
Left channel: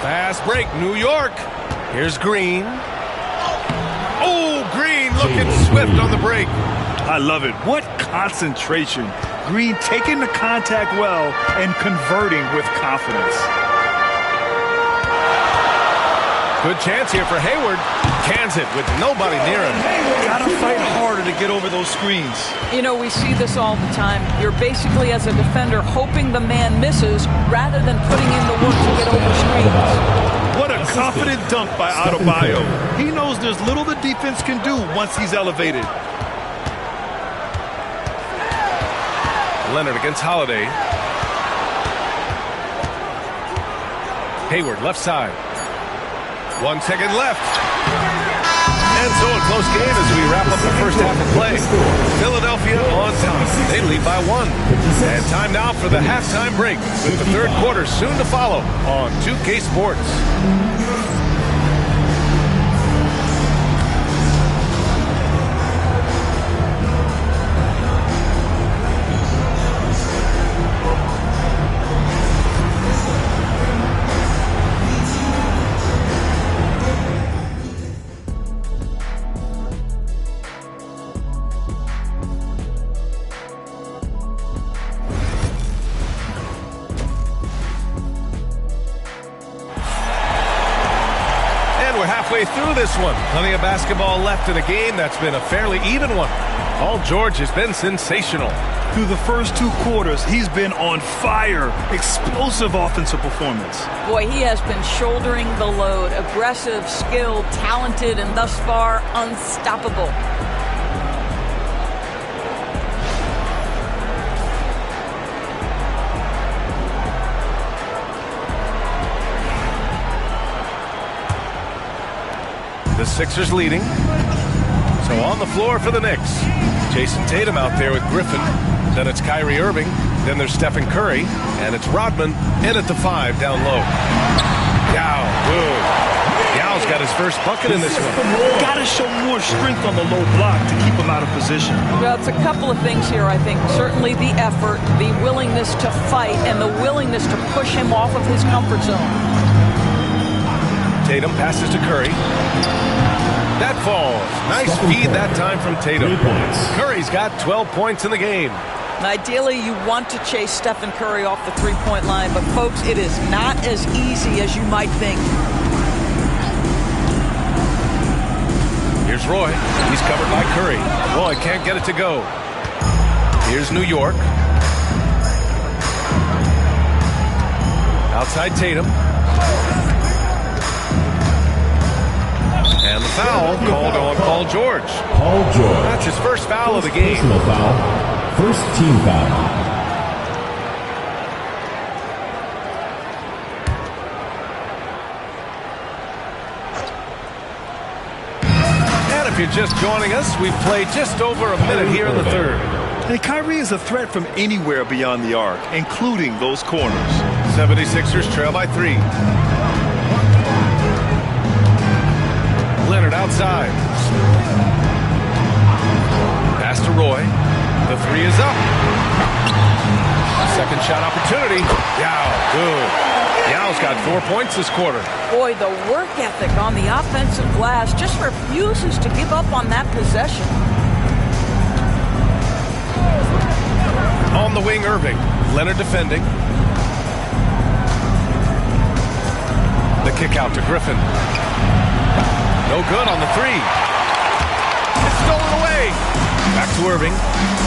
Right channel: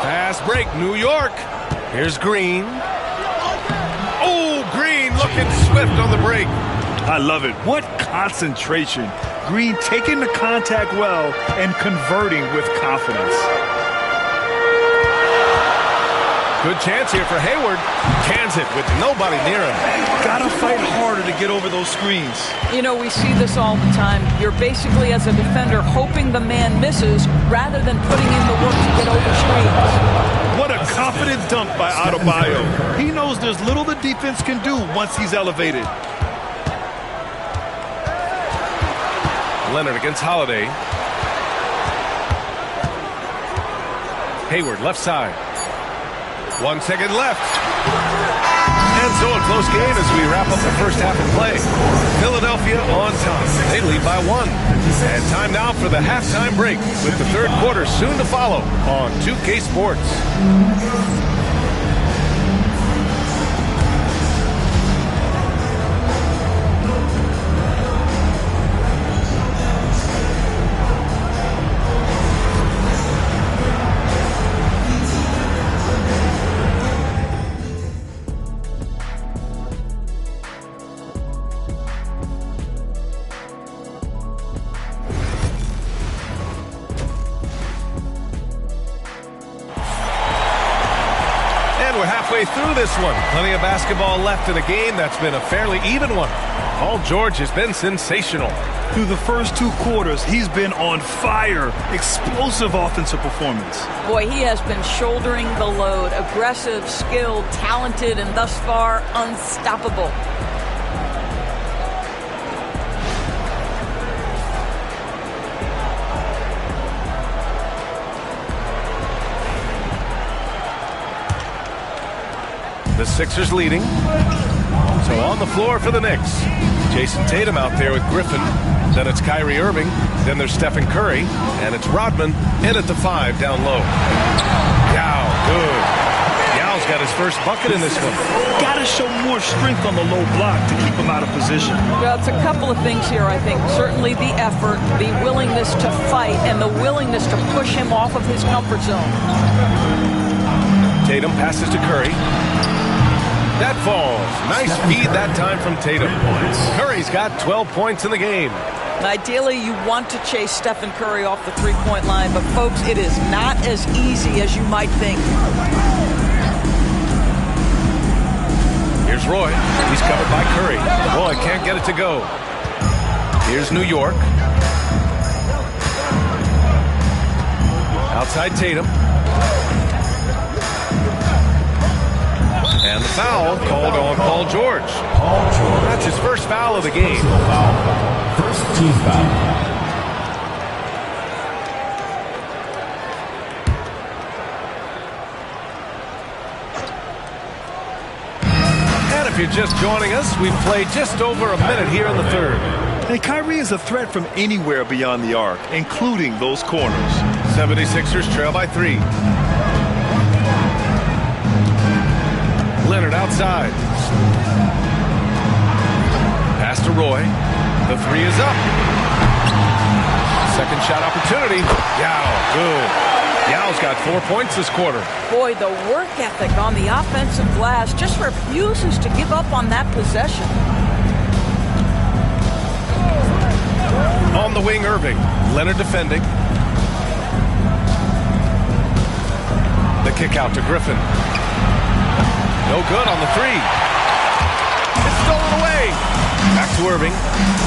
Fast break, New York. Here's Green. Oh, Green looking swift on the break. I love it. What concentration. Green taking the contact well and converting with confidence. Good chance here for Hayward. Cans it with nobody near him. Gotta fight harder to get over those screens. You know, we see this all the time. You're basically, as a defender, hoping the man misses rather than putting in the work to get over screens. What a confident dunk by Adebayo. He knows there's little the defense can do once he's elevated. Leonard against Holiday. Hayward left side. 1 second left. And so a close game as we wrap up the first half of play. Philadelphia on top. They lead by 1. And time now for the halftime break with the third quarter soon to follow on 2K Sports. We're halfway through this one. Plenty of basketball left in a game that's been a fairly even one. Paul George has been sensational. Through the first 2 quarters, he's been on fire. Explosive offensive performance. Boy, he has been shouldering the load. Aggressive, skilled, talented, and thus far unstoppable. The Sixers leading. So on the floor for the Knicks. Jason Tatum out there with Griffin. Then it's Kyrie Irving. Then there's Stephen Curry. And it's Rodman in at the 5 down low. Yao, good. Yao's got his first bucket in this one. Got to show more strength on the low block to keep him out of position. Well, it's a couple of things here, I think. Certainly the effort, the willingness to fight, and the willingness to push him off of his comfort zone. Tatum passes to Curry. That falls. Nice feed that time from Tatum. Curry's got 12 points in the game. Ideally, you want to chase Stephen Curry off the three-point line, but folks, it is not as easy as you might think. Here's Roy. He's covered by Curry. Roy can't get it to go. Here's New York. Outside Tatum. And the foul called on Paul George. Paul George. That's his first foul of the game. Personal foul. First team foul. And if you're just joining us, we've played just over a minute here in the third. And Kyrie is a threat from anywhere beyond the arc, including those corners. 76ers trail by 3. Leonard outside. Pass to Roy. The 3 is up. Second shot opportunity. Yao, good. Yao's got 4 points this quarter. Boy, the work ethic on the offensive glass just refuses to give up on that possession. On the wing, Irving. Leonard defending. The kick out to Griffin. No good on the 3. It's stolen away. Back to Irving.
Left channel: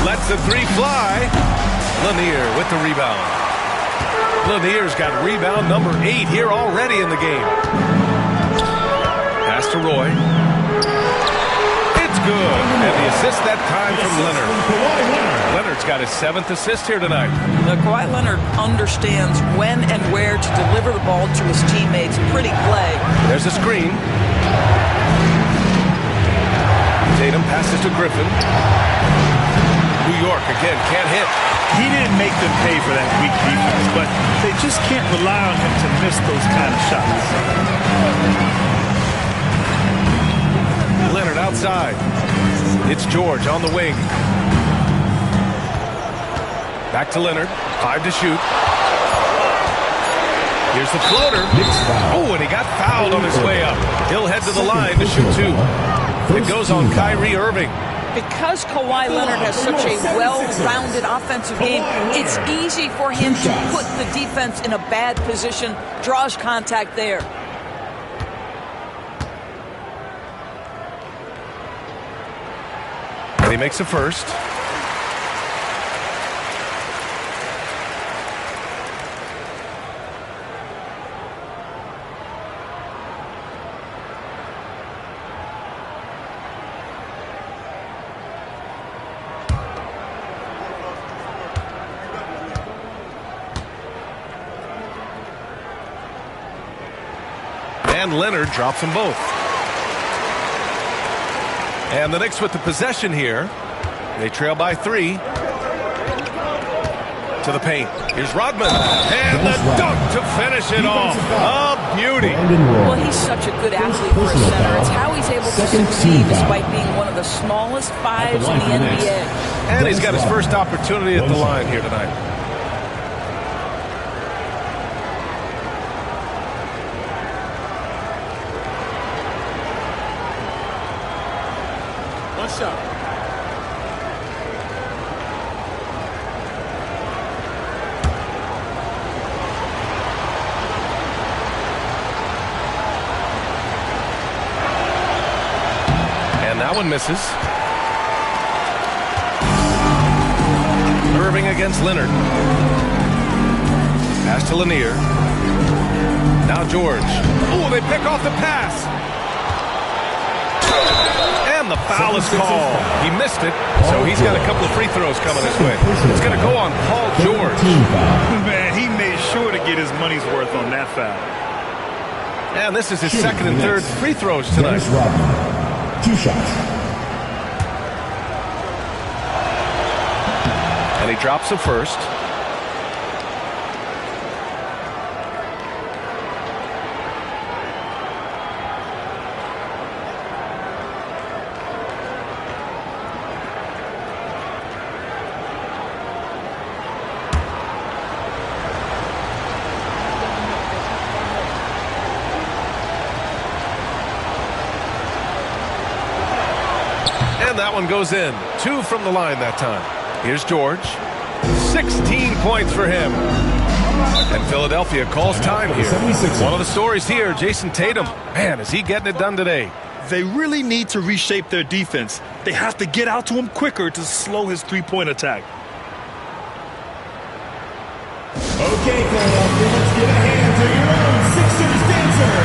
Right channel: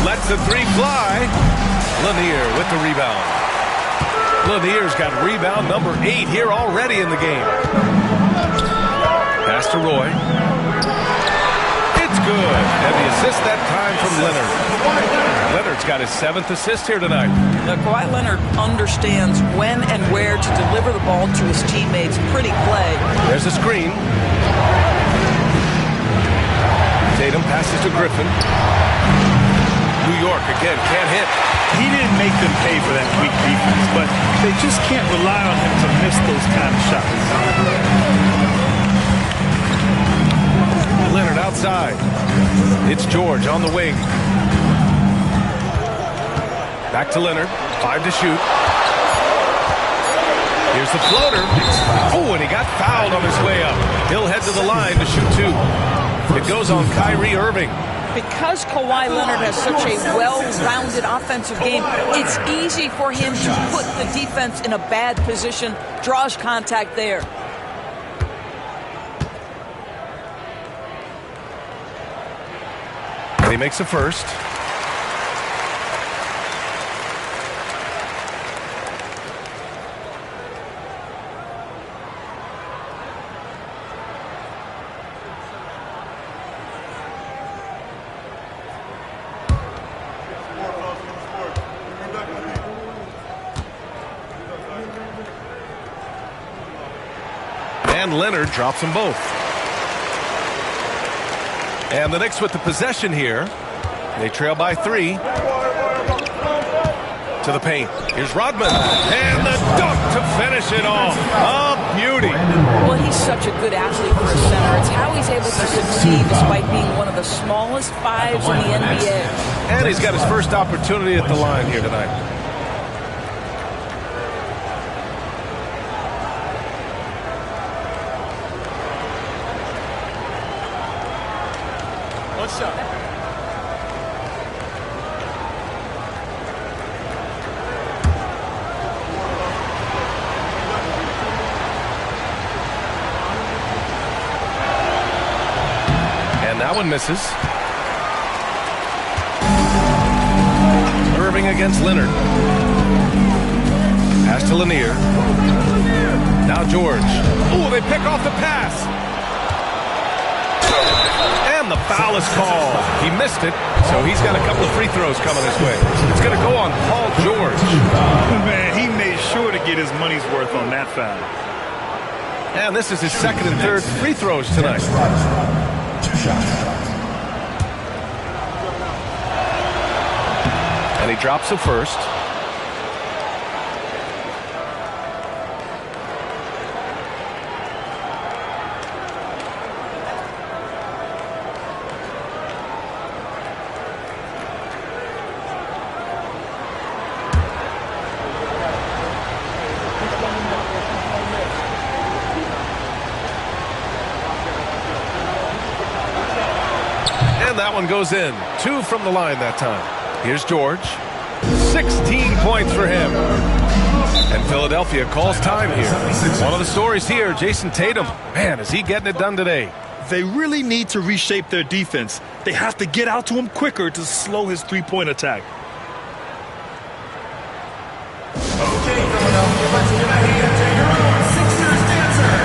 Lets the 3 fly. Lanier with the rebound. Lanier's got rebound number 8 here already in the game. Pass to Roy. It's good. And the assist that time from Leonard. Leonard's got his 7th assist here tonight. Now, Kawhi Leonard understands when and where to deliver the ball to his teammates. Pretty play. There's a screen. Tatum passes to Griffin. New York again can't hit. He didn't make them pay for that weak defense, but they just can't rely on him to miss those kind of shots. Leonard outside. It's George on the wing. Back to Leonard. 5 to shoot. Here's the floater. Oh, and he got fouled on his way up. He'll head to the line to shoot 2. It goes on Kyrie Irving. Because Kawhi Leonard has such a well-rounded offensive game, it's easy for him to put the defense in a bad position, draws contact there. And he makes a first. And Leonard drops them both. And the Knicks with the possession here. They trail by 3. To the paint. Here's Rodman. And the dunk to finish it off. A beauty. Well, he's such a good athlete for a center. It's how he's able to succeed despite being one of the smallest 5s in the NBA. And he's got his first opportunity at the line here tonight. One shot. And that one misses. Irving against Leonard. Pass to Lanier. Now George. Oh, they pick off the pass. And the foul is called. He missed it, so he's got a couple of free throws coming his way. It's going to go on Paul George. Man, he made sure to get his money's worth on that foul. And this is his second and third free throws tonight. 2 shots. And he drops the first. And that one goes in. 2 from the line that time. Here's George. 16 points for him. And Philadelphia calls time here. One of the stories here, Jason Tatum. Man, is he getting it done today. They really need to reshape their defense. They have to get out to him quicker to slow his three-point attack. Okay, Philadelphia, let's give a hand to your own Sixers dancers.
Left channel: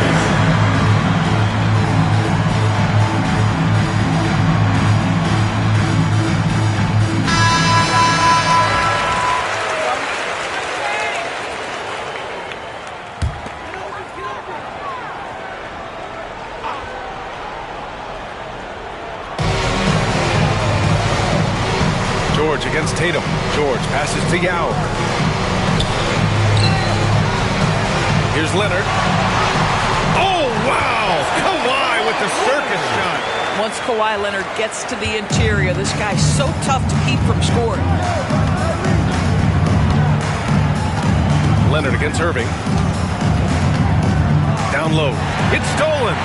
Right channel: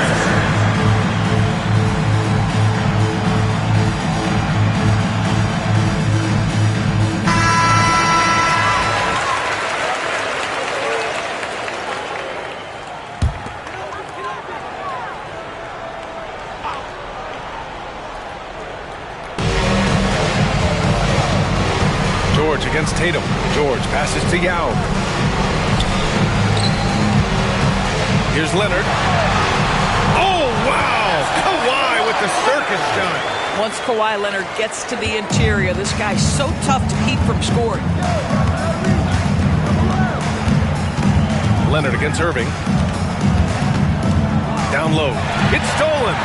George against Tatum. George passes to Yao. Here's Leonard. Oh, wow! Kawhi with the circus shot. Once Kawhi Leonard gets to the interior, this guy's so tough to keep from scoring. Leonard against Irving. Down low. It's stolen.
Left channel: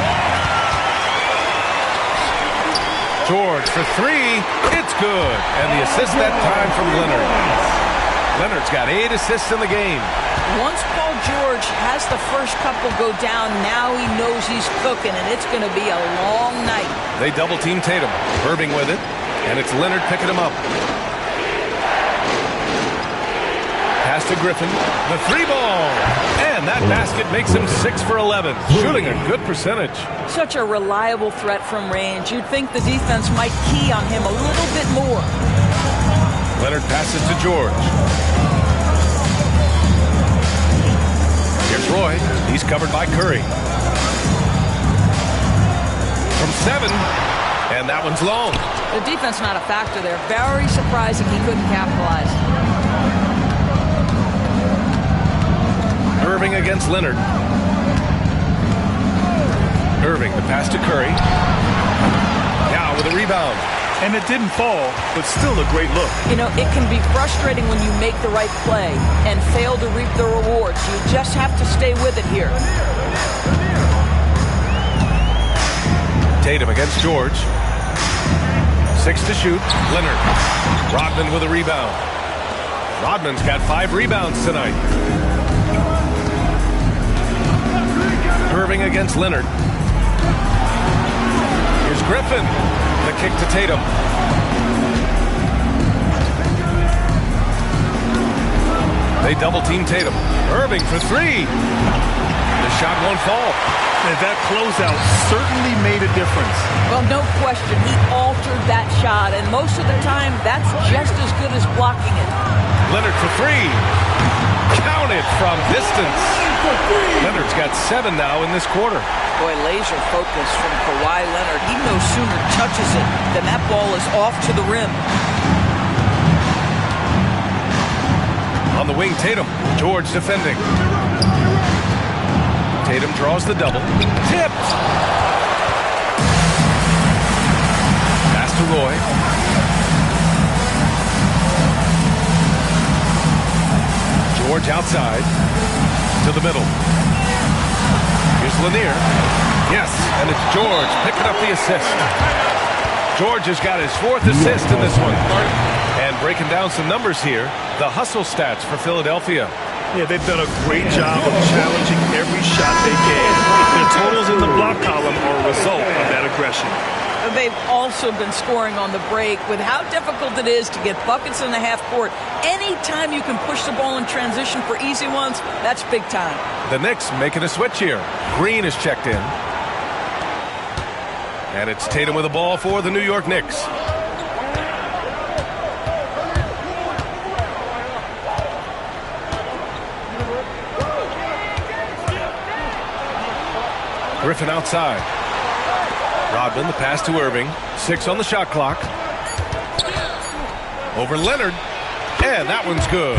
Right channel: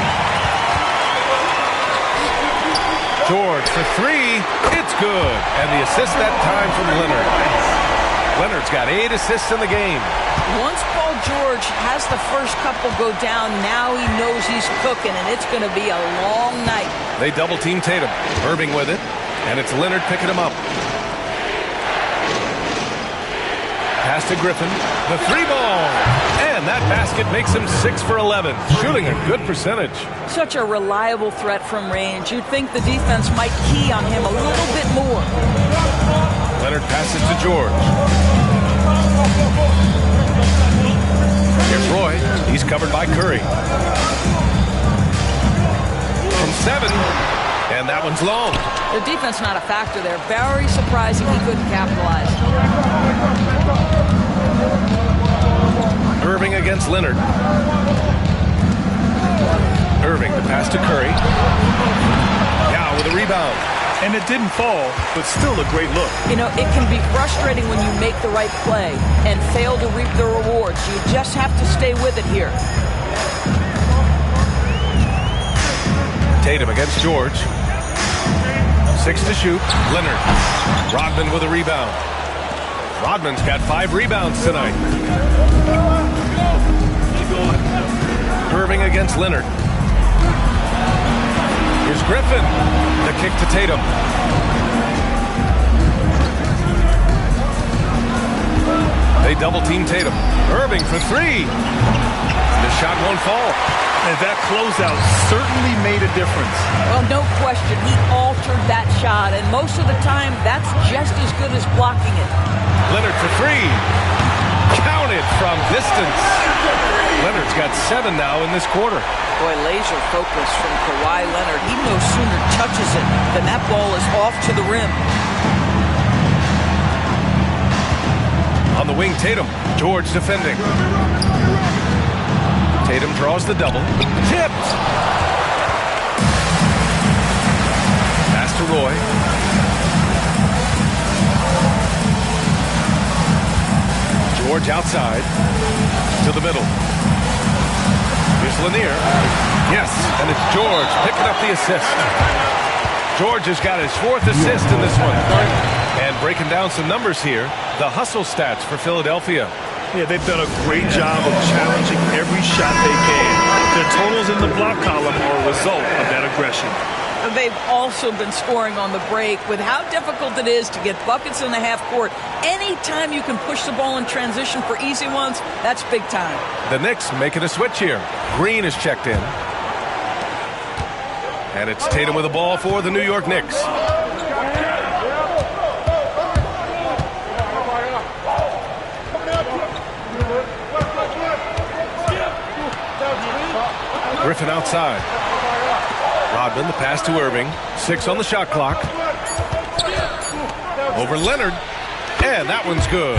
George for 3. It's good. And the assist that time from Leonard. Leonard's got 8 assists in the game. Once Paul George has the first couple go down, now he knows he's cooking, and it's going to be a long night. They double-team Tatum. Irving with it. And it's Leonard picking him up. Pass to Griffin. The 3-ball. And that basket makes him 6 for 11. Shooting a good percentage. Such a reliable threat from range. You'd think the defense might key on him a little bit more. Leonard passes to George. Here's Roy. He's covered by Curry. From 7. And that one's long. The defense not a factor there. Very surprising he couldn't capitalize. Irving against Leonard. Irving, the pass to Curry. with a rebound. And it didn't fall, but still a great look. You know, it can be frustrating when you make the right play and fail to reap the rewards. You just have to stay with it here. Tatum against George. 6 to shoot. Leonard. Rodman with a rebound. Rodman's got 5 rebounds tonight. Irving against Leonard. Here's Griffin. The kick to Tatum. They double-team Tatum. Irving for 3. The shot won't fall. And that closeout certainly made a difference. Well, no question. He altered that shot, and most of the time, that's just as good as blocking it. Leonard for 3. Counted from distance. Leonard's got 7 now in this quarter. Boy, laser focus from Kawhi Leonard. He no sooner touches it than that ball is off to the rim. On the wing, Tatum. George defending. Tatum draws the double. Tipped. Pass to Roy. George outside. To the middle. Here's Lanier. Yes, and it's George picking up the assist. George has got his 4th assist in this one. And breaking down some numbers here, the hustle stats for Philadelphia. Yeah, they've done a great job of challenging every shot they can. Their totals in the block column are a result of that aggression. They've also been scoring on the break. With how difficult it is to get buckets in the half court, anytime you can push the ball in transition for easy ones, that's big time. The Knicks making a switch here. Green is checked in. And it's Tatum with the ball for the New York Knicks. Griffin outside. Rodman, the pass to Irving. 6 on the shot clock. Over Leonard. And that one's good.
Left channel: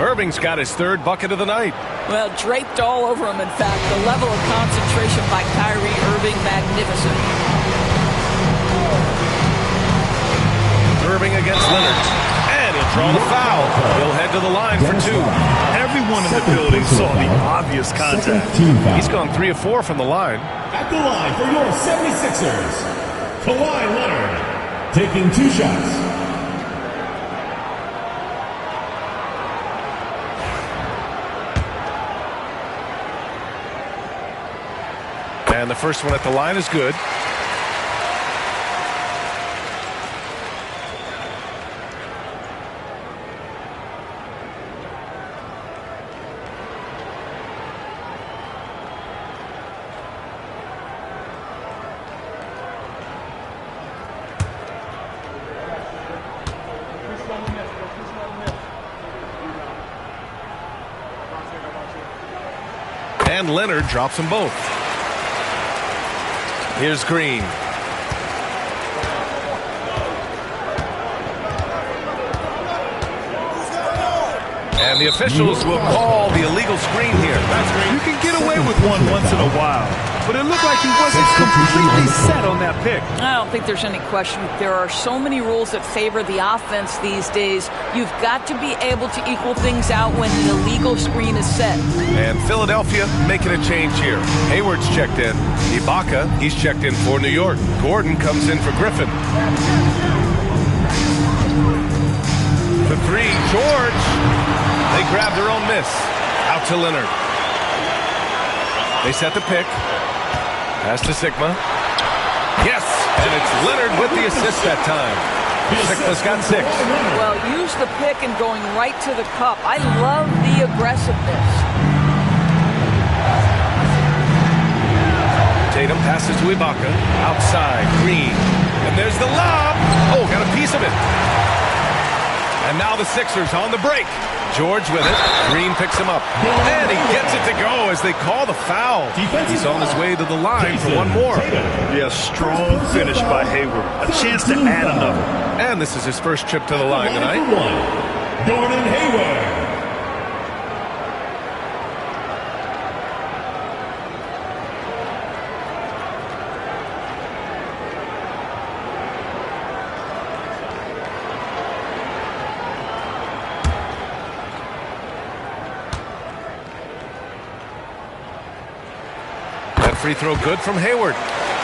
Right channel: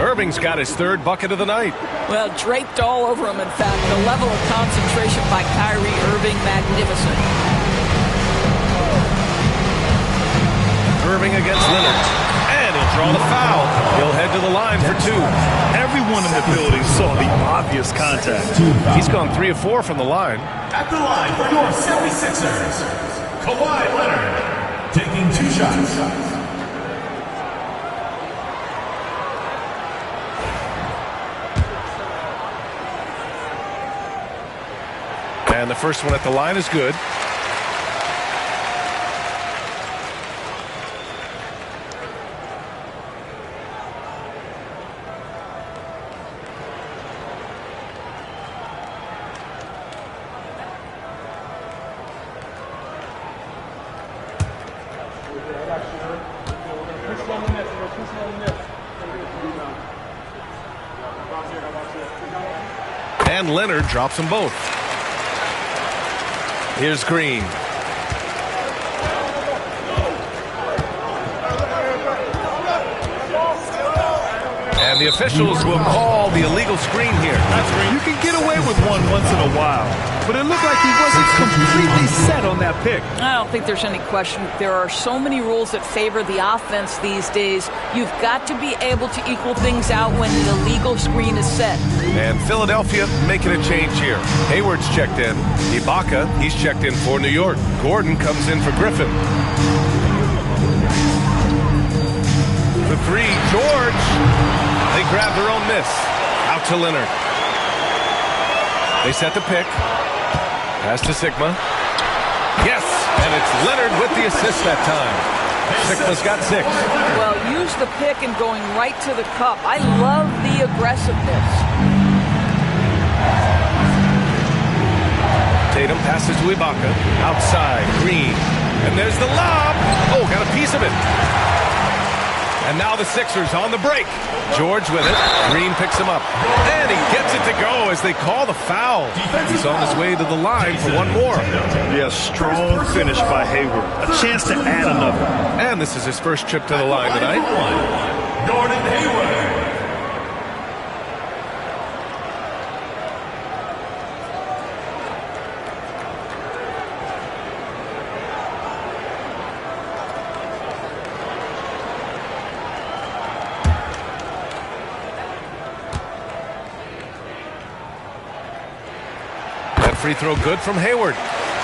Irving's got his 3rd bucket of the night. Well, draped all over him, in fact. The level of concentration by Kyrie Irving, magnificent. Irving against Leonard. And he'll draw the foul. He'll head to the line for 2. Everyone in the building saw the obvious contact. He's gone 3 of 4 from the line. At the line for your 76ers, Kawhi Leonard, taking 2 shots. And the first one at the line is good. And Leonard drops them both. Here's Green. And the officials will call the illegal screen here. That's green. You can get away with one once in a while, but it looked like he wasn't completely set on that pick. I don't think there's any question. There are so many rules that favor the offense these days. You've got to be able to equal things out when the illegal screen is set. And Philadelphia making a change here. Hayward's checked in. Ibaka, he's checked in for New York. Gordon comes in for Griffin. For 3, George. They grab their own miss. Out to Leonard. They set the pick. Pass to Sigma. Yes, and it's Leonard with the assist that time. Sigma's got 6. Well, use the pick and going right to the cup. I love the aggressiveness. Tatum passes to Ibaka. Outside, Green. And there's the lob. Oh, got a piece of it. And now the Sixers on the break. George with it. Green picks him up. And he gets it to go as they call the foul. He's on his way to the line for one more. Yeah, strong finish by Hayward. A chance to add another. And this is his first trip to the line tonight. Gordon Hayward. free throw good from Hayward.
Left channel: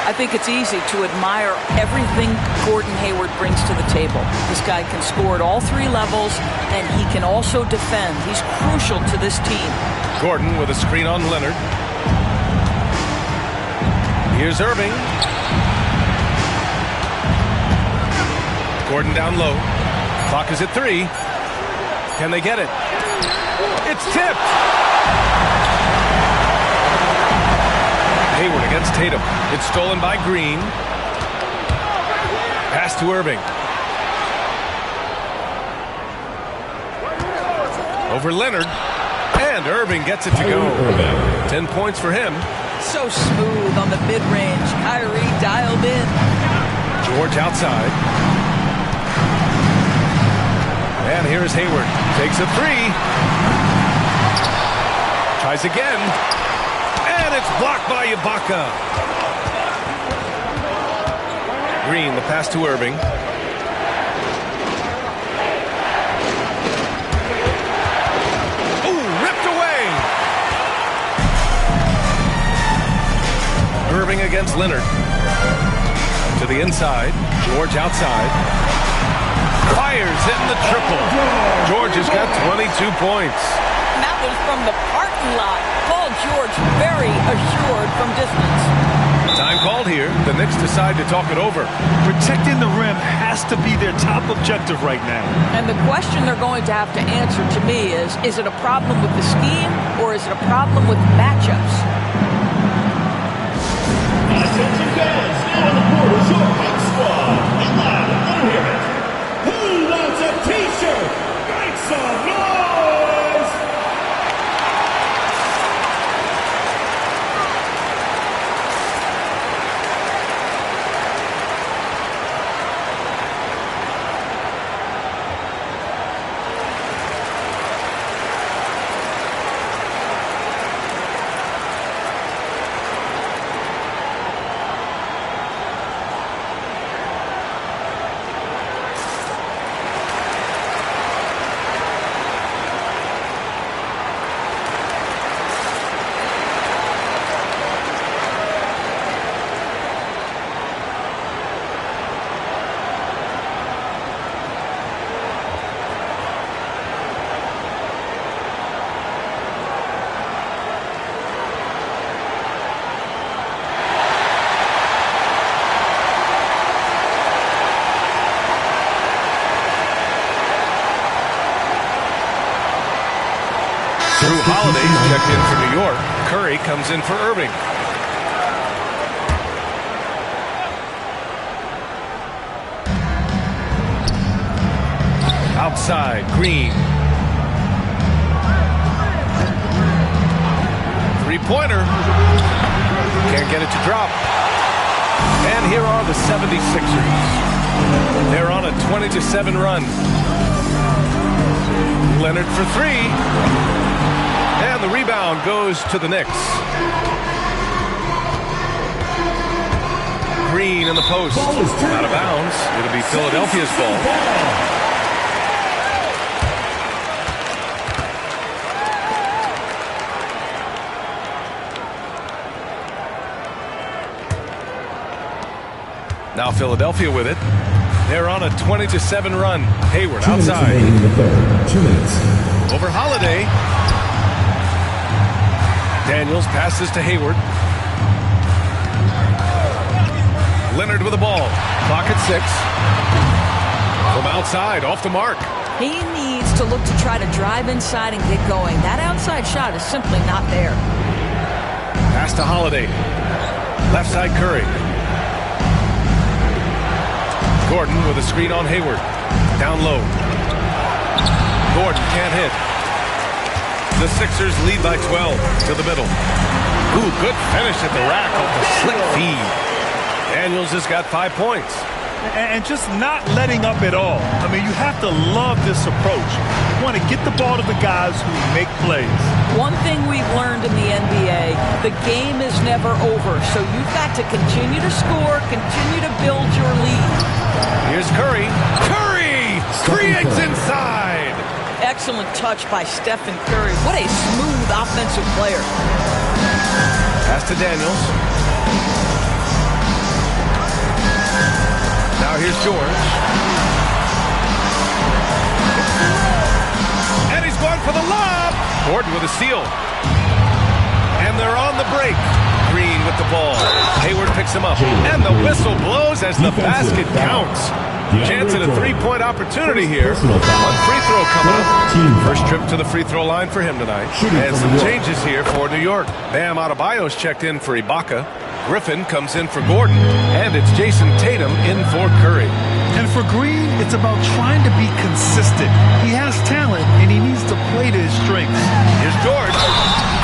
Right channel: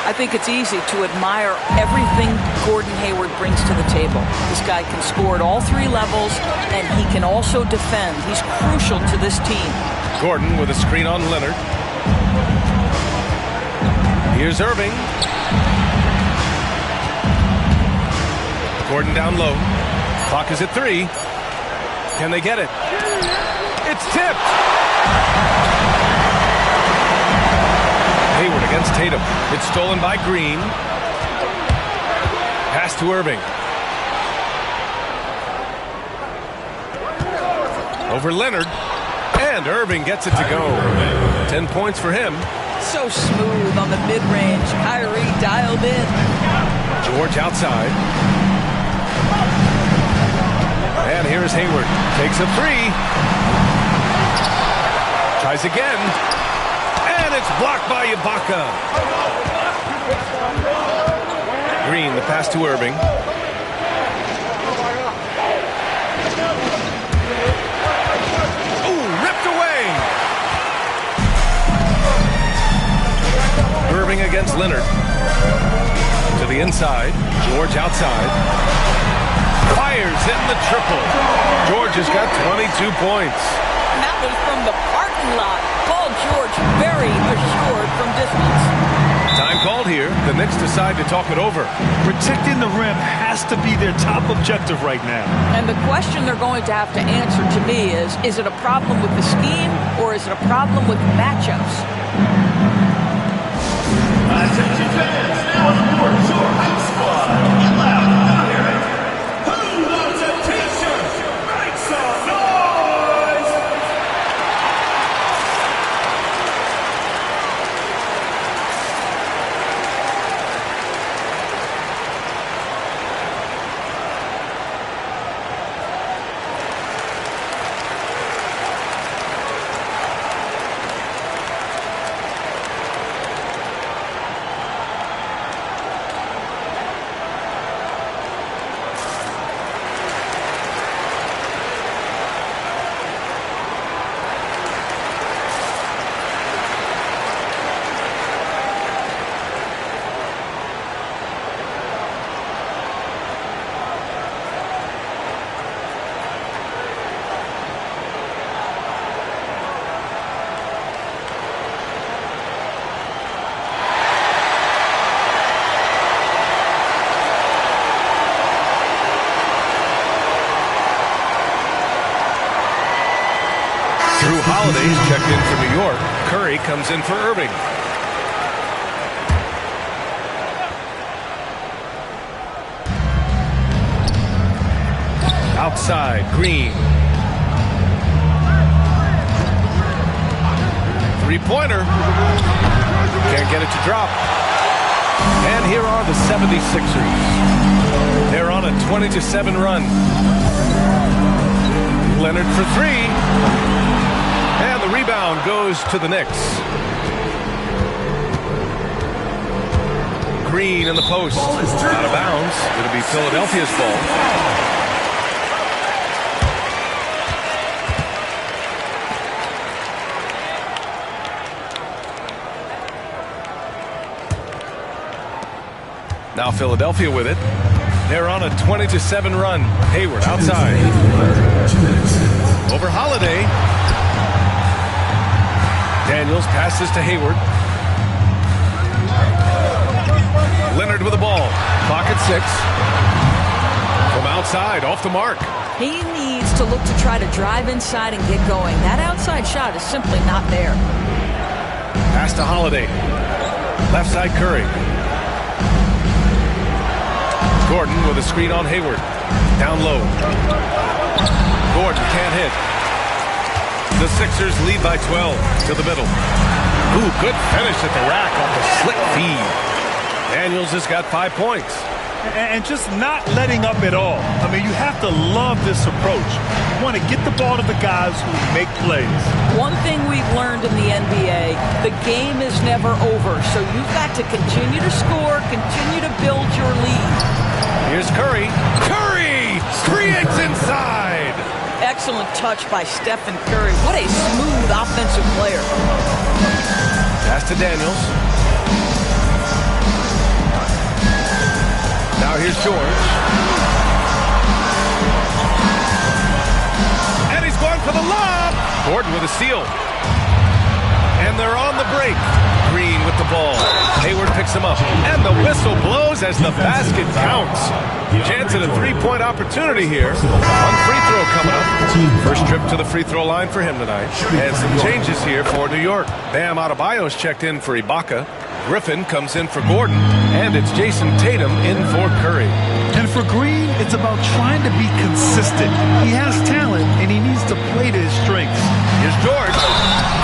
I think it's easy to admire everything Gordon Hayward brings to the table. This guy can score at all three levels, and he can also defend. He's crucial to this team. Gordon with a screen on Leonard. Here's Irving. Gordon down low. Clock is at 3. Can they get it? It's tipped. Hayward against Tatum. It's stolen by Green. Pass to Irving. Over Leonard. And Irving gets it to go. 10 points for him. So smooth on the mid-range. Kyrie dialed in. George outside. And here's Hayward. Takes a 3. Tries again. And it's blocked by Ibaka. Green, the pass to Irving. Ooh, ripped away. Irving against Leonard. To the inside. George outside. Fires, hitting the triple. George has got 22 points. And that was from the parking lot. Paul George very assured from distance. Time called here. The Knicks decide to talk it over. Protecting the rim has to be their top objective right now. And the question they're going to have to answer to me is it a problem with the scheme or is it a problem with matchups? Attention fans, now on the court is your hype squad. Get loud, let them hear it. Who wants a t-shirt? Make some noise! Drew Holiday's checked in for New York. Curry comes in for Irving. Outside, Green. Three-pointer. Can't get it to drop. And here are the 76ers. They're on a 20-7 run. Leonard for 3. And the rebound goes to the Knicks. Green in the post. Out of bounds. It'll be Philadelphia's ball. Now Philadelphia with it. They're on a 20-7 run. Hayward outside. 2 minutes. Over Holiday. Daniels passes to Hayward. Leonard with the ball. Clock at 6. From outside, off the mark. He needs to look to try to drive inside and get going. That outside shot is simply not there. Pass to Holiday. Left side, Curry. Gordon with a screen on Hayward. Down low. Gordon can't hit. The Sixers lead by 12 to the middle. Ooh, good finish at the rack off the slick feed. Daniels has got 5 points. And just not letting up at all. I mean, you have to love this approach. You want to get the ball to the guys who make plays. One thing we've learned in the NBA, the game is never over. So you've got to continue to score, continue to build your lead. Here's Curry. Curry creates inside. Excellent touch by Stephen Curry. What a smooth offensive player. Pass to Daniels. Now here's George. And he's going for the lob. Gordon with a steal. And they're on the break. Green with the ball. Hayward picks him up. And the whistle blows as the basket counts. Chance at a three-point opportunity here. One free throw coming up. First trip to the free throw line for him tonight. And some changes here for New York. Bam Adebayo's checked in for Ibaka. Griffin comes in for Gordon. And it's Jason Tatum in for Curry. And for Green, it's about trying to be consistent. He has talent, and he needs to play to his strengths. Here's George.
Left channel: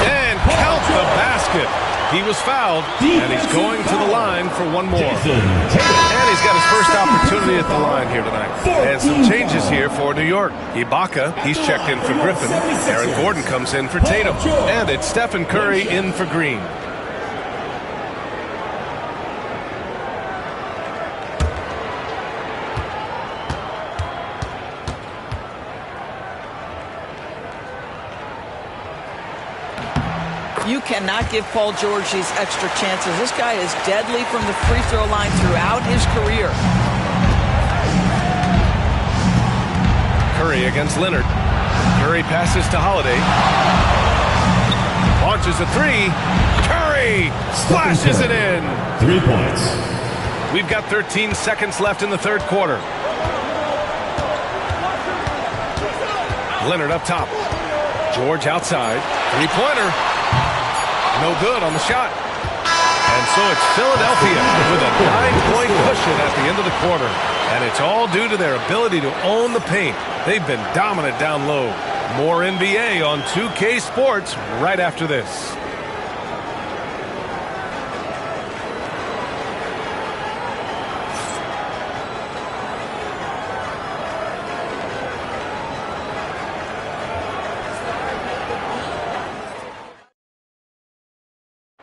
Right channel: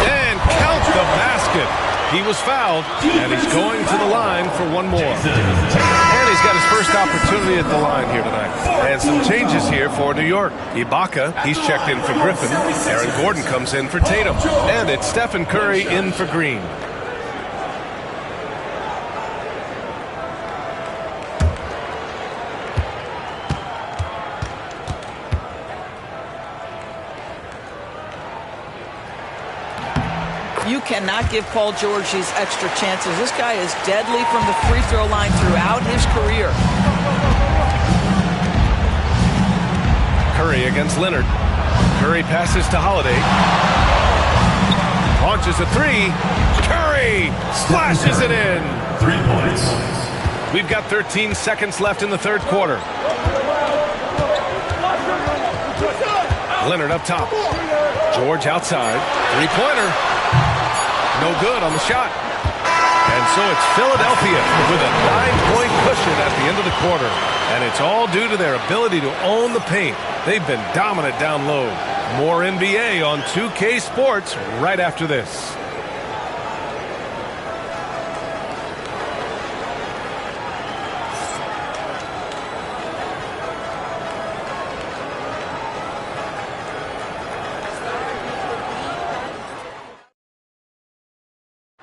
And count the basket. He was fouled, and he's going to the line for one more. And he's got his first opportunity at the line here tonight. And some changes here for New York. Ibaka, he's checked in for Griffin. Aaron Gordon comes in for Tatum. And it's Stephen Curry in for Green. You cannot give Paul George these extra chances. This guy is deadly from the free throw line throughout his career. Curry against Leonard. Curry passes to Holiday. Launches a three. Curry splashes it in. 3 points. We've got 13 seconds left in the third quarter. Leonard up top. George outside. Three-pointer. No good on the shot. And so it's Philadelphia with a 9-point cushion at the end of the quarter. And it's all due to their ability to own the paint. They've been dominant down low. More NBA on 2K Sports right after this.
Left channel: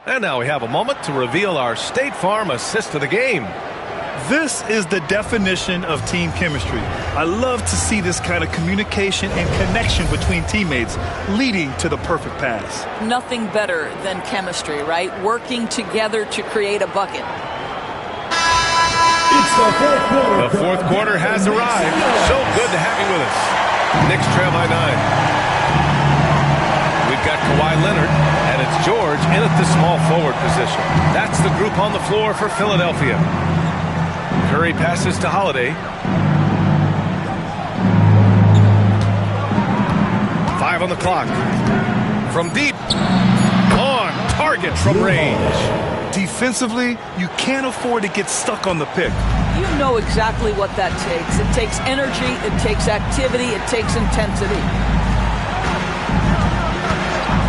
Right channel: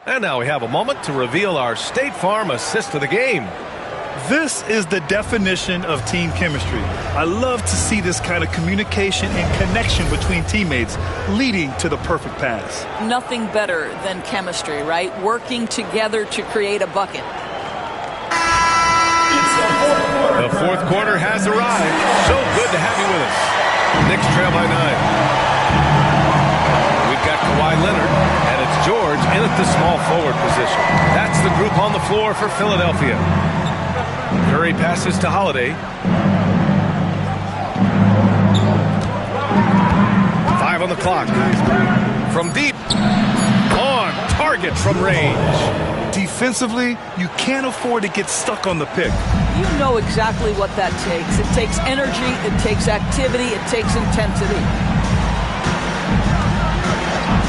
And now we have a moment to reveal our State Farm assist of the game. This is the definition of team chemistry. I love to see this kind of communication and connection between teammates leading to the perfect pass. Nothing better than chemistry, right? Working together to create a bucket. The fourth quarter has arrived. So good to have you with us. Knicks trail by 9. We've got Kawhi Leonard, and it's George in at the small forward position. That's the group on the floor for Philadelphia. Curry passes to Holiday. 5 on the clock. From deep. On target from range. Defensively, you can't afford to get stuck on the pick. You know exactly what that takes. It takes energy, it takes activity, it takes intensity.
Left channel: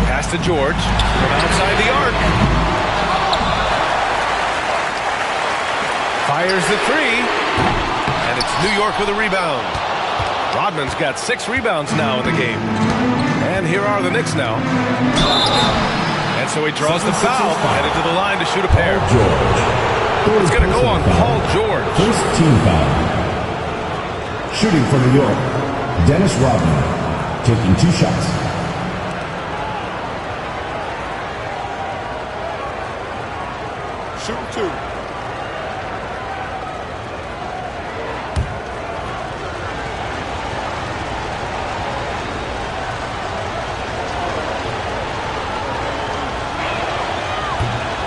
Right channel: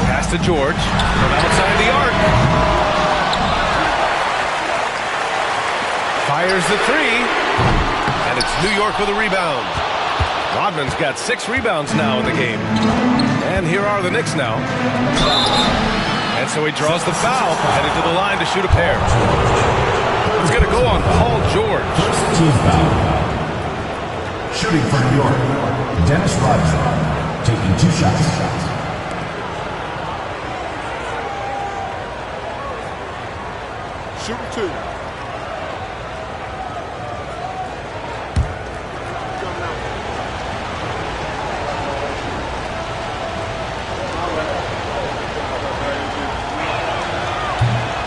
Pass to George from outside the arc. Fires the three. And it's New York with a rebound. Rodman's got 6 rebounds now in the game. And here are the Knicks now. And so he draws the foul, headed to the line to shoot a pair. It's going to go on Paul George. First team foul. Shooting for New York, Dennis Rodman, taking 2 shots. Shooting 2.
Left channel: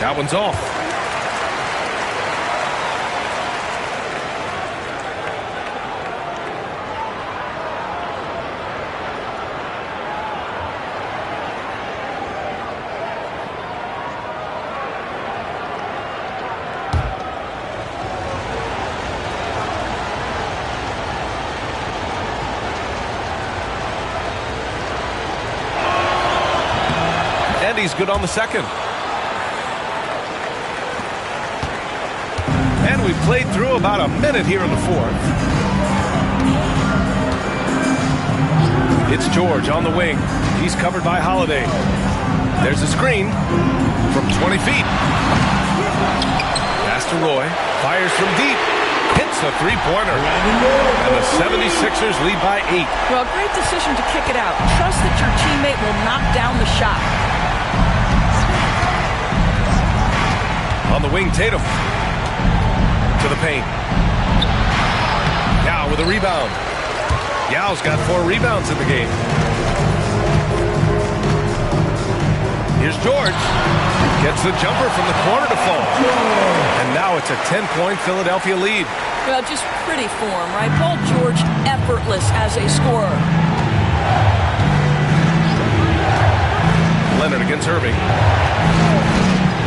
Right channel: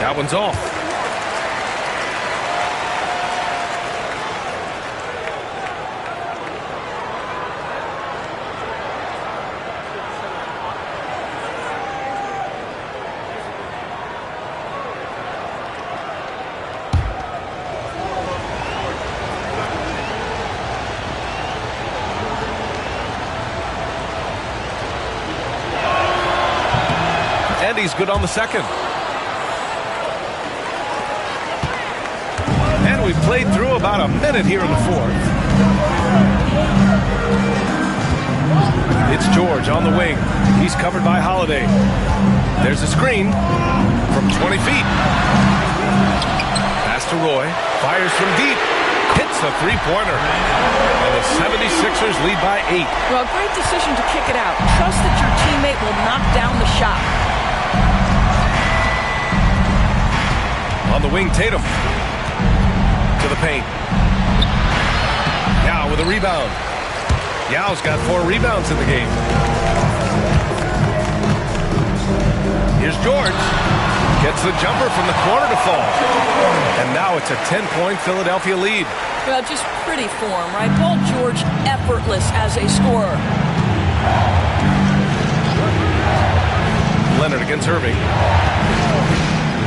That one's off. And he's good on the second. And we've played through about a minute here in the fourth. It's George on the wing. He's covered by Holiday. There's a screen from 20 feet. Pass to Roy. Fires from deep. Hits a three-pointer. And the 76ers lead by 8. Well, great decision to kick it out. Trust that your teammate will knock down the shot. On the wing, Tatum. To the paint. Yao with a rebound. Yao's got 4 rebounds in the game. Here's George. Gets the jumper from the corner to fall. And now it's a 10-point Philadelphia lead. Well, just pretty form, right? Paul George, effortless as a scorer. Leonard against Irving.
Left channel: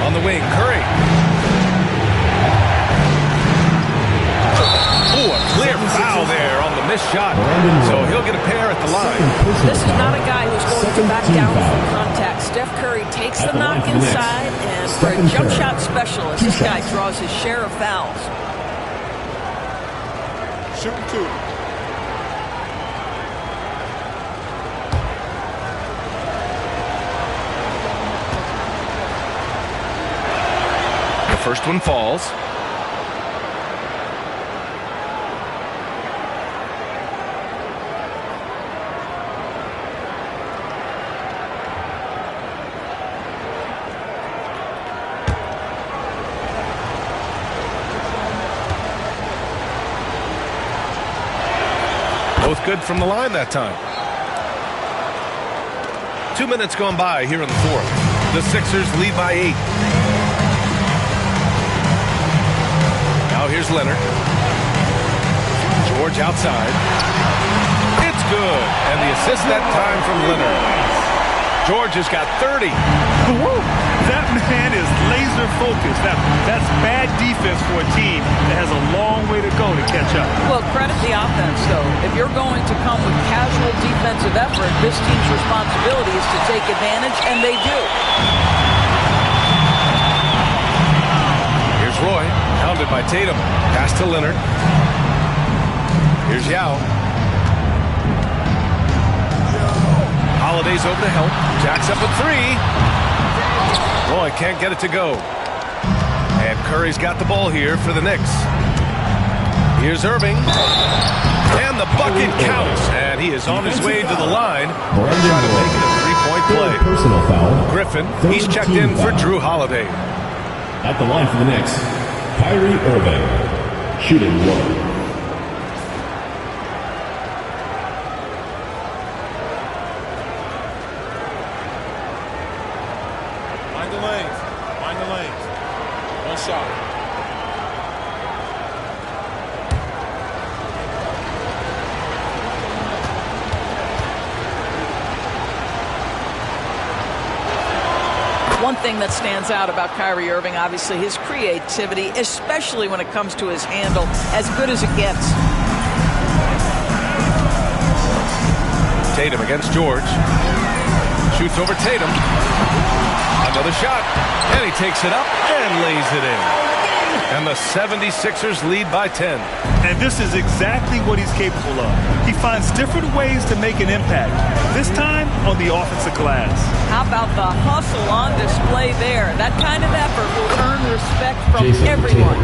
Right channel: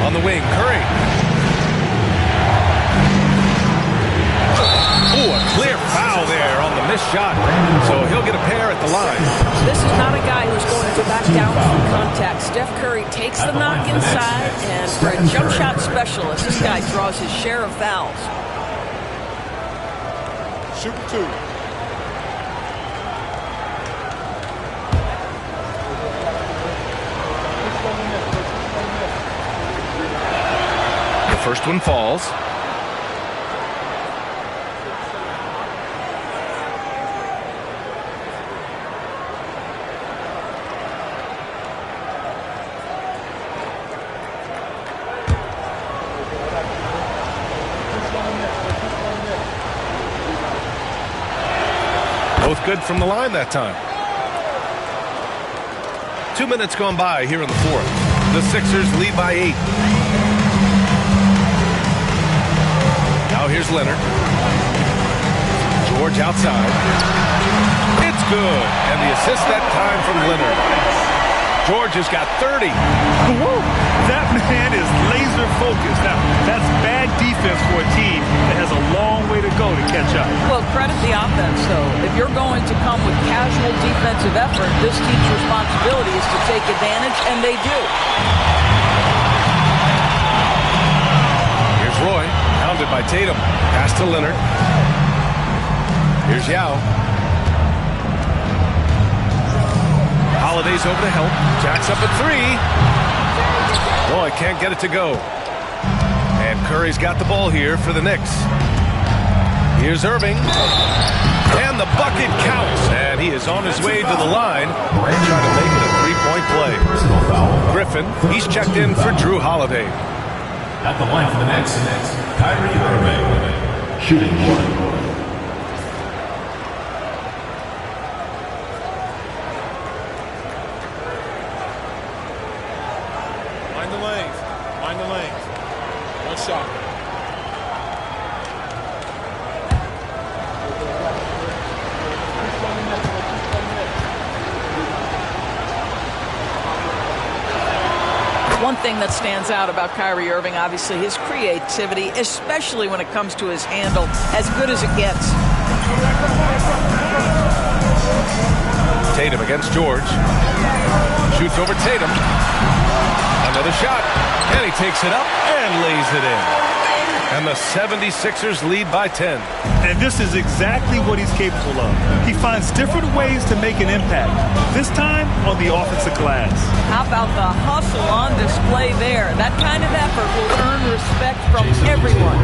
On the wing, Curry. Oh, a clear foul there on the missed shot. So he'll get a pair at the line. This is not a guy who's going to back down from contact. Steph Curry takes the knock inside, and for a jump shot specialist, this guy draws his share of fouls. Shooting 2. The first one falls. Both good from the line that time. 2 minutes gone by here in the fourth. The Sixers lead by 8. Now here's Leonard. George outside. It's good. And the assist that time from Leonard. George has got 30. Woo! That man is laser focused. Now, that's bad defense for a team that has a long way to go to catch up. Well, credit the offense, though. If you're going to come with casual defensive effort, this team's responsibility is to take advantage, and they do. Here's Roy, hounded by Tatum. Pass to Leonard. Here's Yao. Holiday's over to help. Jacks up a 3. Roy can't get it to go. And Curry's got the ball here for the Knicks. Here's Irving. And the bucket counts. And he is on his way to the line. Trying to make it a 3-point play. Personal foul. Griffin, he's checked in for Drew Holiday. At the line for the Knicks, Kyrie Irving. Shooting 1. Mind the lanes. Mind the lanes. One shot. One thing that stands out about Kyrie Irving, obviously, his creativity, especially when it comes to his handle, as good as it gets. Tatum against George. Shoots over Tatum. Another shot. And he takes it up and lays it in. And the 76ers lead by 10. And this is exactly what he's capable of. He finds different ways to make an impact. This time on the offensive glass. How about the hustle on display there? That kind of effort will earn respect from everyone.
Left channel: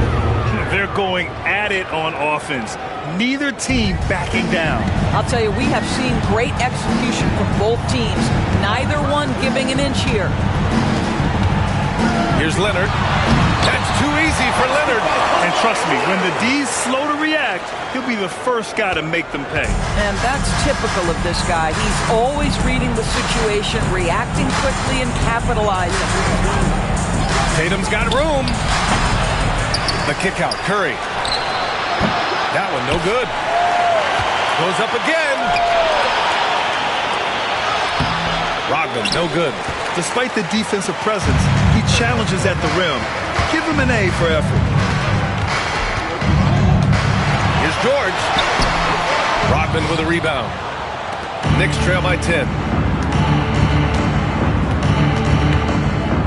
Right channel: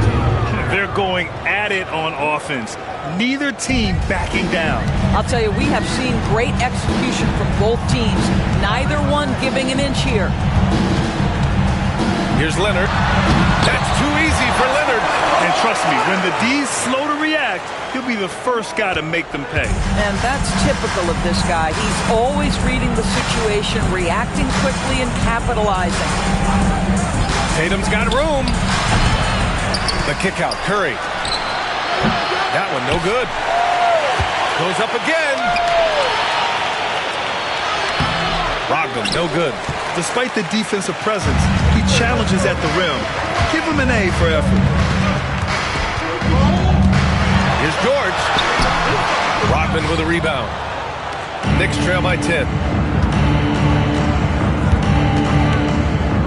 They're going at it on offense. Neither team backing down. I'll tell you, we have seen great execution from both teams. Neither one giving an inch here. Here's Leonard. That's too easy for Leonard. And trust me, when the D's slow to react, he'll be the first guy to make them pay. And that's typical of this guy. He's always reading the situation, reacting quickly, and capitalizing. Tatum's got room. The kick out, Curry. That one no good. Goes up again. Rodman, no good. Despite the defensive presence, he challenges at the rim. Give him an A for effort. Here's George. Rodman with a rebound. Knicks trail by 10.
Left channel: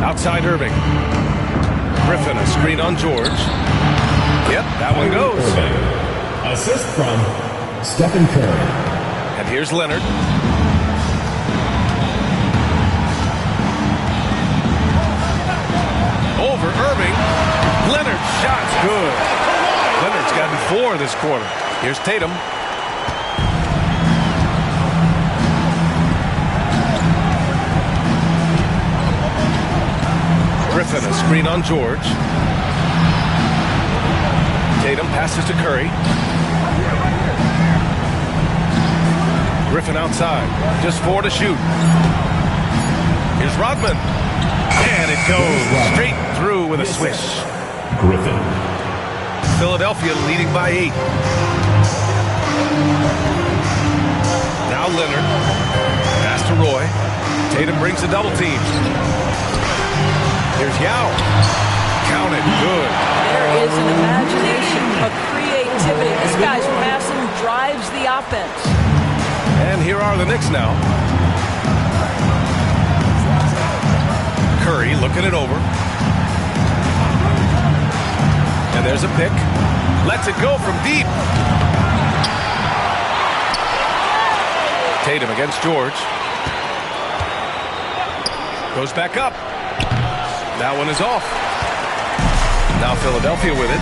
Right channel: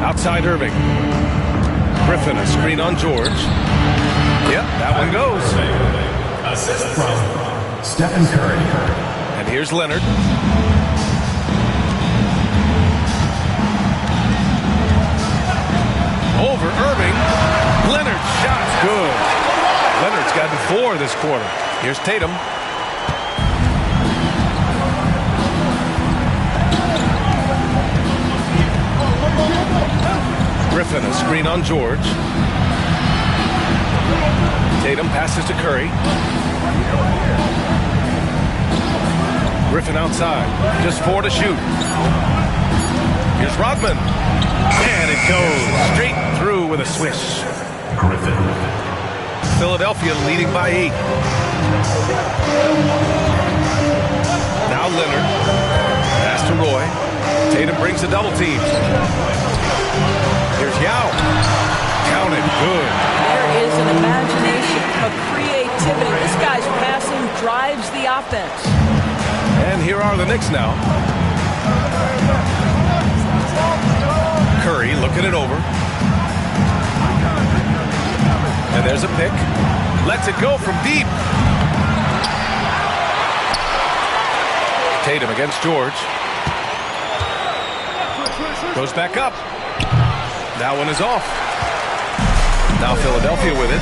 Outside Irving. Griffin, a screen on George. Yep, that one goes. Assist from Stephen Curry. And here's Leonard. Over Irving. Leonard's shot's good. Leonard's gotten 4 this quarter. Here's Tatum. Griffin, a screen on George. Tatum passes to Curry. Griffin outside. Just 4 to shoot. Here's Rodman. And it goes straight through with a swish. Griffin. Philadelphia leading by 8. Now Leonard. Pass to Roy. Tatum brings a double team. Here's Yao. Count it. Good. There is an imagination, a creativity. This guy's passing drives the offense. And here are the Knicks now. Curry looking it over. And there's a pick. Lets it go from deep. Tatum against George. Goes back up. That one is off. Now Philadelphia with it.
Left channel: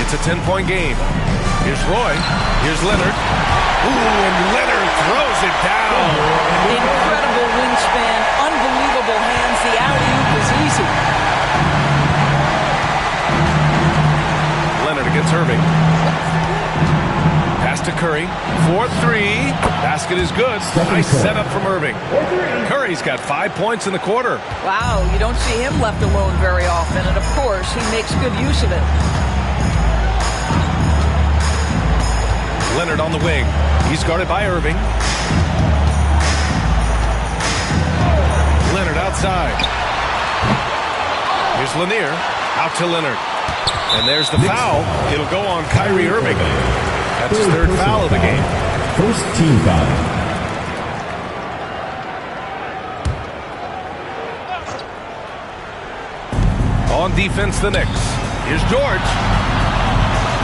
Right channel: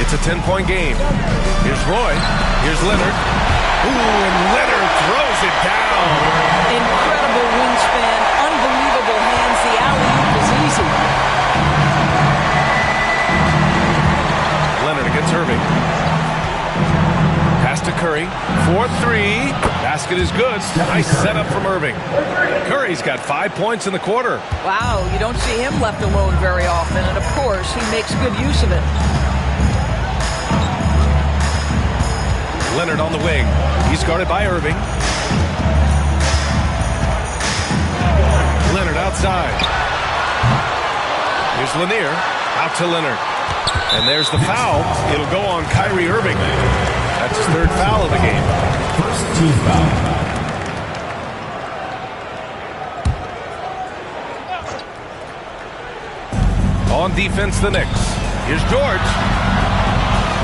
It's a 10-point game. Here's Roy. Here's Leonard. Ooh, and Leonard throws it down. Incredible wingspan, unbelievable hands. The alley-oop is easy. Leonard against Irving. Pass to Curry. 4-3. Basket is good. Nice setup from Irving. Curry's got 5 points in the quarter. Wow, you don't see him left alone very often, and of course, he makes good use of it. Leonard on the wing. He's guarded by Irving. Leonard outside. Here's Lanier. Out to Leonard. And there's the foul. It'll go on Kyrie Irving. That's his 3rd foul of the game. First team foul. On defense, the Knicks. Here's George.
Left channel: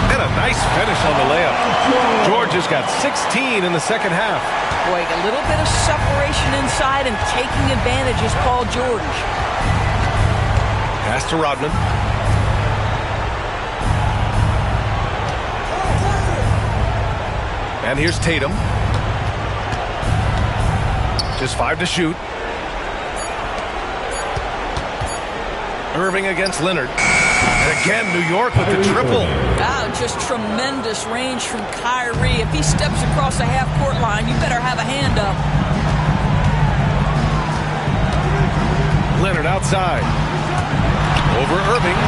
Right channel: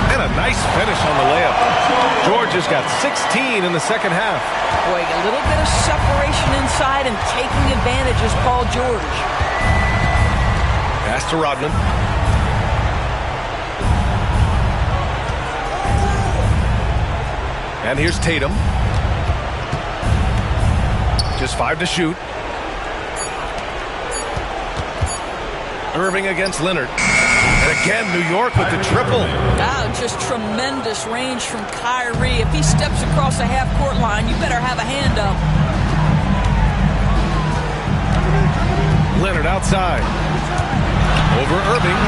And a nice finish on the layup. George has got 16 in the second half. Boy, a little bit of separation inside and taking advantage is Paul George. Pass to Rodman. And here's Tatum. Just 5 to shoot. Irving against Leonard. And again, New York with the triple. Wow, just tremendous range from Kyrie. If he steps across the half-court line, you better have a hand up. Leonard outside. Over Irving.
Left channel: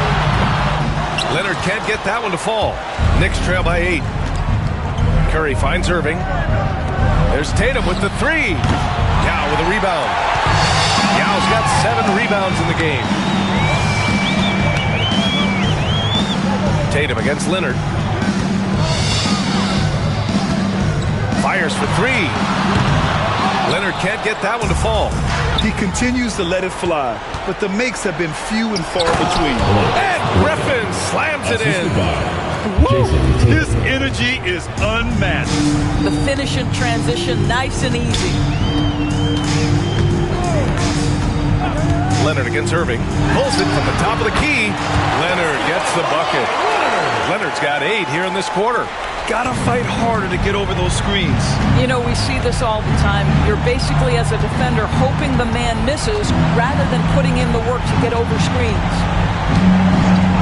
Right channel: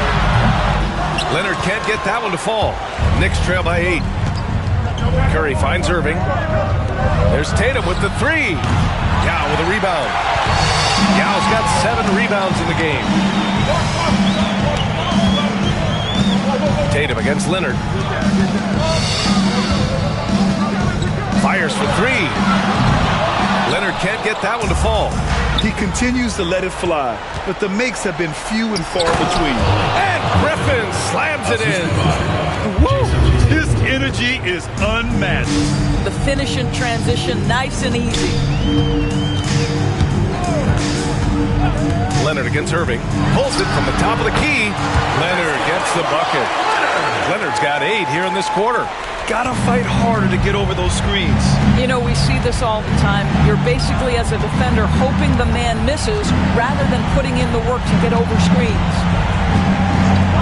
Leonard can't get that one to fall. Knicks trail by 8. Curry finds Irving. There's Tatum with the 3. Yao with a rebound. Yao's got 7 rebounds in the game. Tatum against Leonard. Fires for 3. Leonard can't get that one to fall. He continues to let it fly, but the makes have been few and far between. And Griffin slams it in. Woo! His energy is unmatched. The finish in transition, nice and easy. Leonard against Irving. Pulls it from the top of the key. Leonard gets the bucket. Leonard's got 8 here in this quarter. Gotta fight harder to get over those screens. You know, we see this all the time. You're basically, as a defender, hoping the man misses rather than putting in the work to get over screens.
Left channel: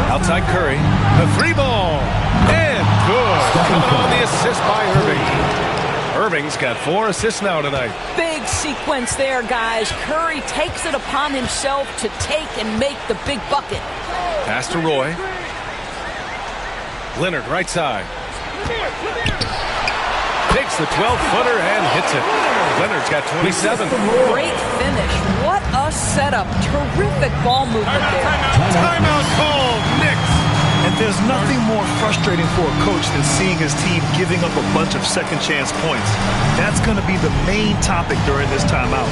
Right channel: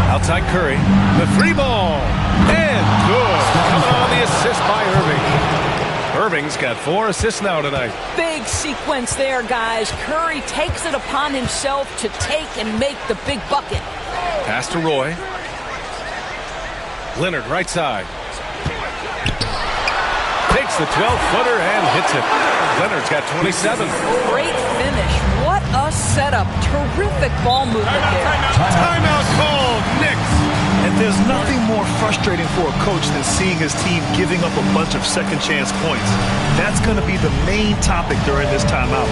Outside Curry. The 3 ball. And good. Coming on the assist by Irving. Irving's got 4 assists now tonight. Big sequence there, guys. Curry takes it upon himself to take and make the big bucket. Pass to Roy. Leonard right side. Takes the 12-footer and hits it. Leonard's got 27. Great finish. What a setup. Terrific ball movement there. Timeout called. Knicks. And there's nothing more frustrating for a coach than seeing his team giving up a bunch of second chance points. That's going to be the main topic during this timeout.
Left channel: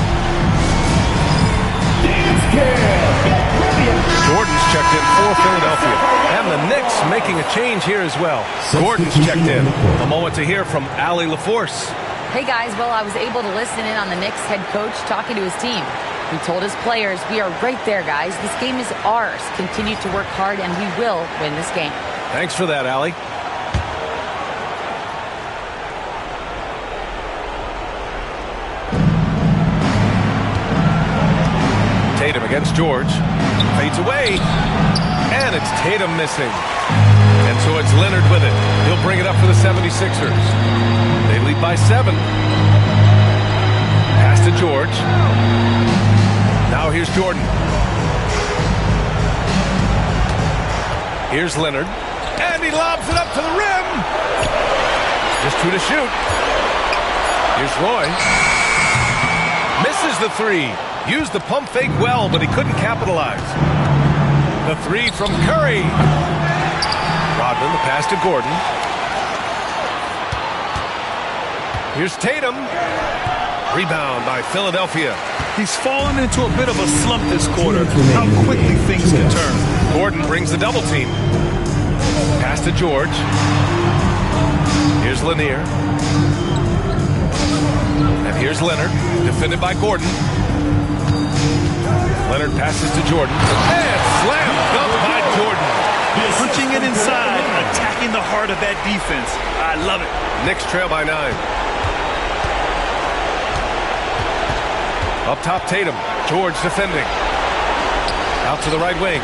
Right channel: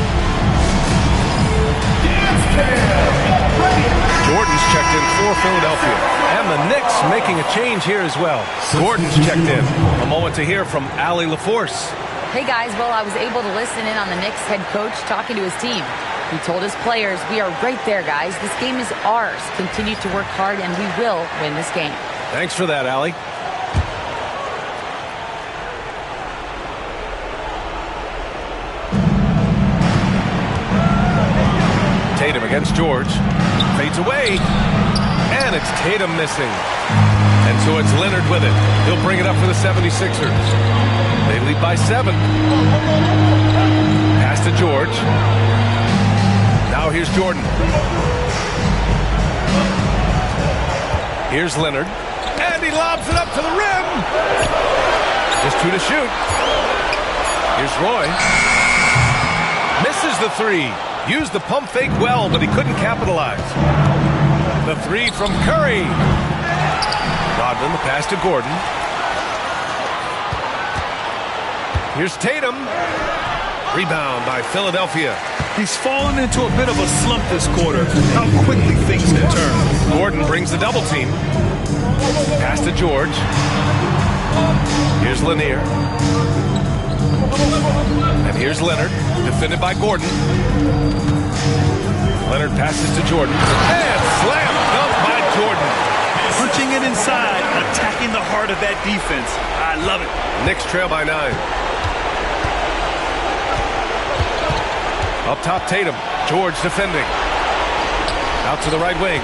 Jordan's checked in for Philadelphia. And the Knicks making a change here as well. Gordon's checked in. A moment to hear from Allie LaForce. Hey guys, well, I was able to listen in on the Knicks head coach talking to his team. He told his players, we are right there, guys. This game is ours. Continue to work hard, and we will win this game. Thanks for that, Allie. Tatum against George. Fades away. And it's Tatum missing. And so it's Leonard with it. He'll bring it up for the 76ers. They lead by 7. Pass to George. Now here's Jordan. Here's Leonard. And he lobs it up to the rim. Just 2 to shoot. Here's Roy. Misses the 3. Used the pump fake well, but he couldn't capitalize. The 3 from Curry. Rodman, the pass to Gordon. Here's Tatum. Rebound by Philadelphia. He's fallen into a bit of a slump this quarter. How quickly things can turn. Gordon brings the double team. Pass to George. Here's Lanier. And here's Leonard, defended by Gordon. Leonard passes to Jordan. And slam dunk by Jordan. Punching it inside, attacking the heart of that defense. I love it. Knicks trail by 9. Up top, Tatum. George defending. Out to the right wing.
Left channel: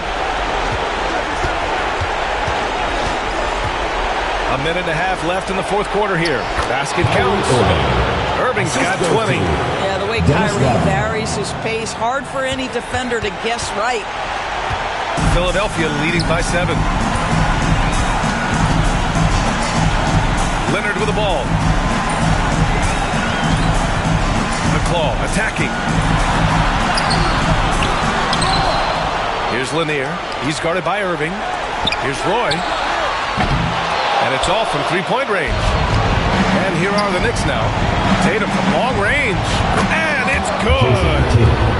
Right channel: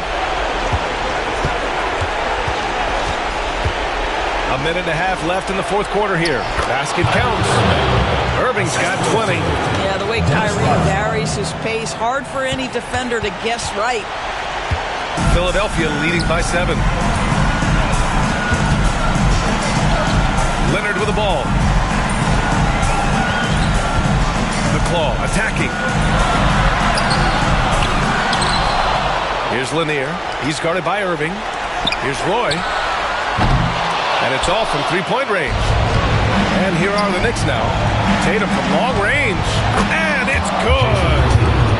A minute and a half left in the fourth quarter here. Basket counts. Irving's got 20. Yeah, the way Kyrie varies his pace, hard for any defender to guess right. Philadelphia leading by 7. Leonard with the ball. McClaw attacking. Here's Lanier. He's guarded by Irving. Here's Roy. And it's off from three-point range. And here are the Knicks now. Tatum from long range. And it's good.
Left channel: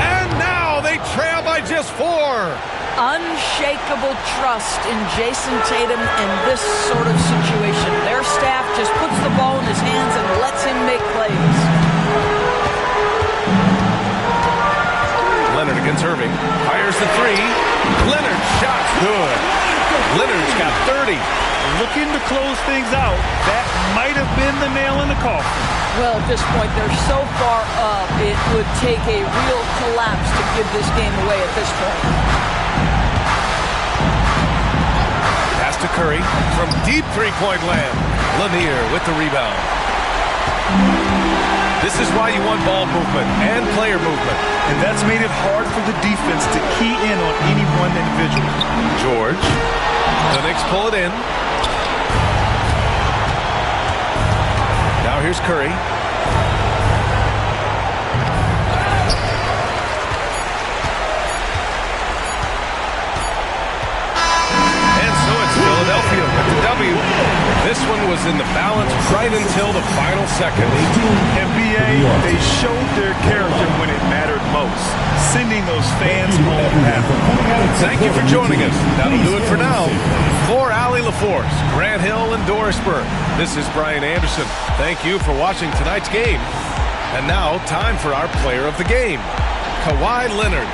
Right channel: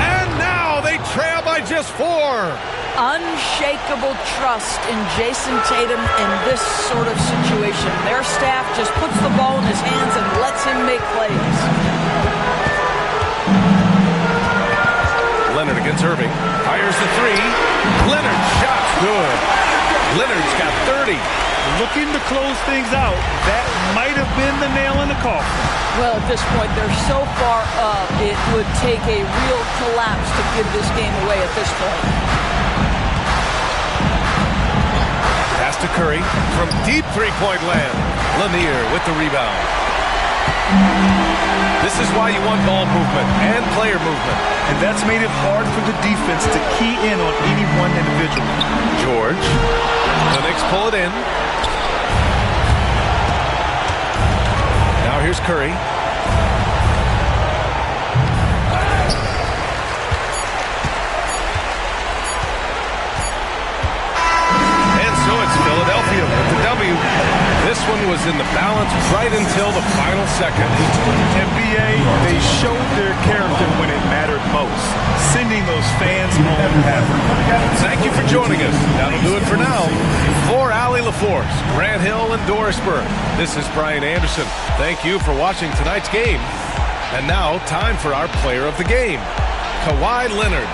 And now they trail by just 4. Unshakable trust in Jason Tatum in this sort of situation. Their staff just puts the ball in his hands and lets him make plays. Leonard against Irving. Fires the 3. Leonard's shot's good. Leonard's got 30. Looking to close things out. That might have been the nail in the coffin. Well, at this point, they're so far up, it would take a real collapse to give this game away at this point. Pass to Curry from deep three-point land. Lanier with the rebound. This is why you want ball movement and player movement. And that's made it hard for the defense to key in on any one individual. George. The Knicks pull it in. Now here's Curry. And so it's Philadelphia with the W. This one was in the balance right until the final second. NBA, they showed their character when it mattered most, sending those fans home happy. Thank you for joining us. That'll do it for now. For Allie LaForce, Grant Hill, and Doris Burke, this is Brian Anderson. Thank you for watching tonight's game. And now, time for our player of the game, Kawhi Leonard.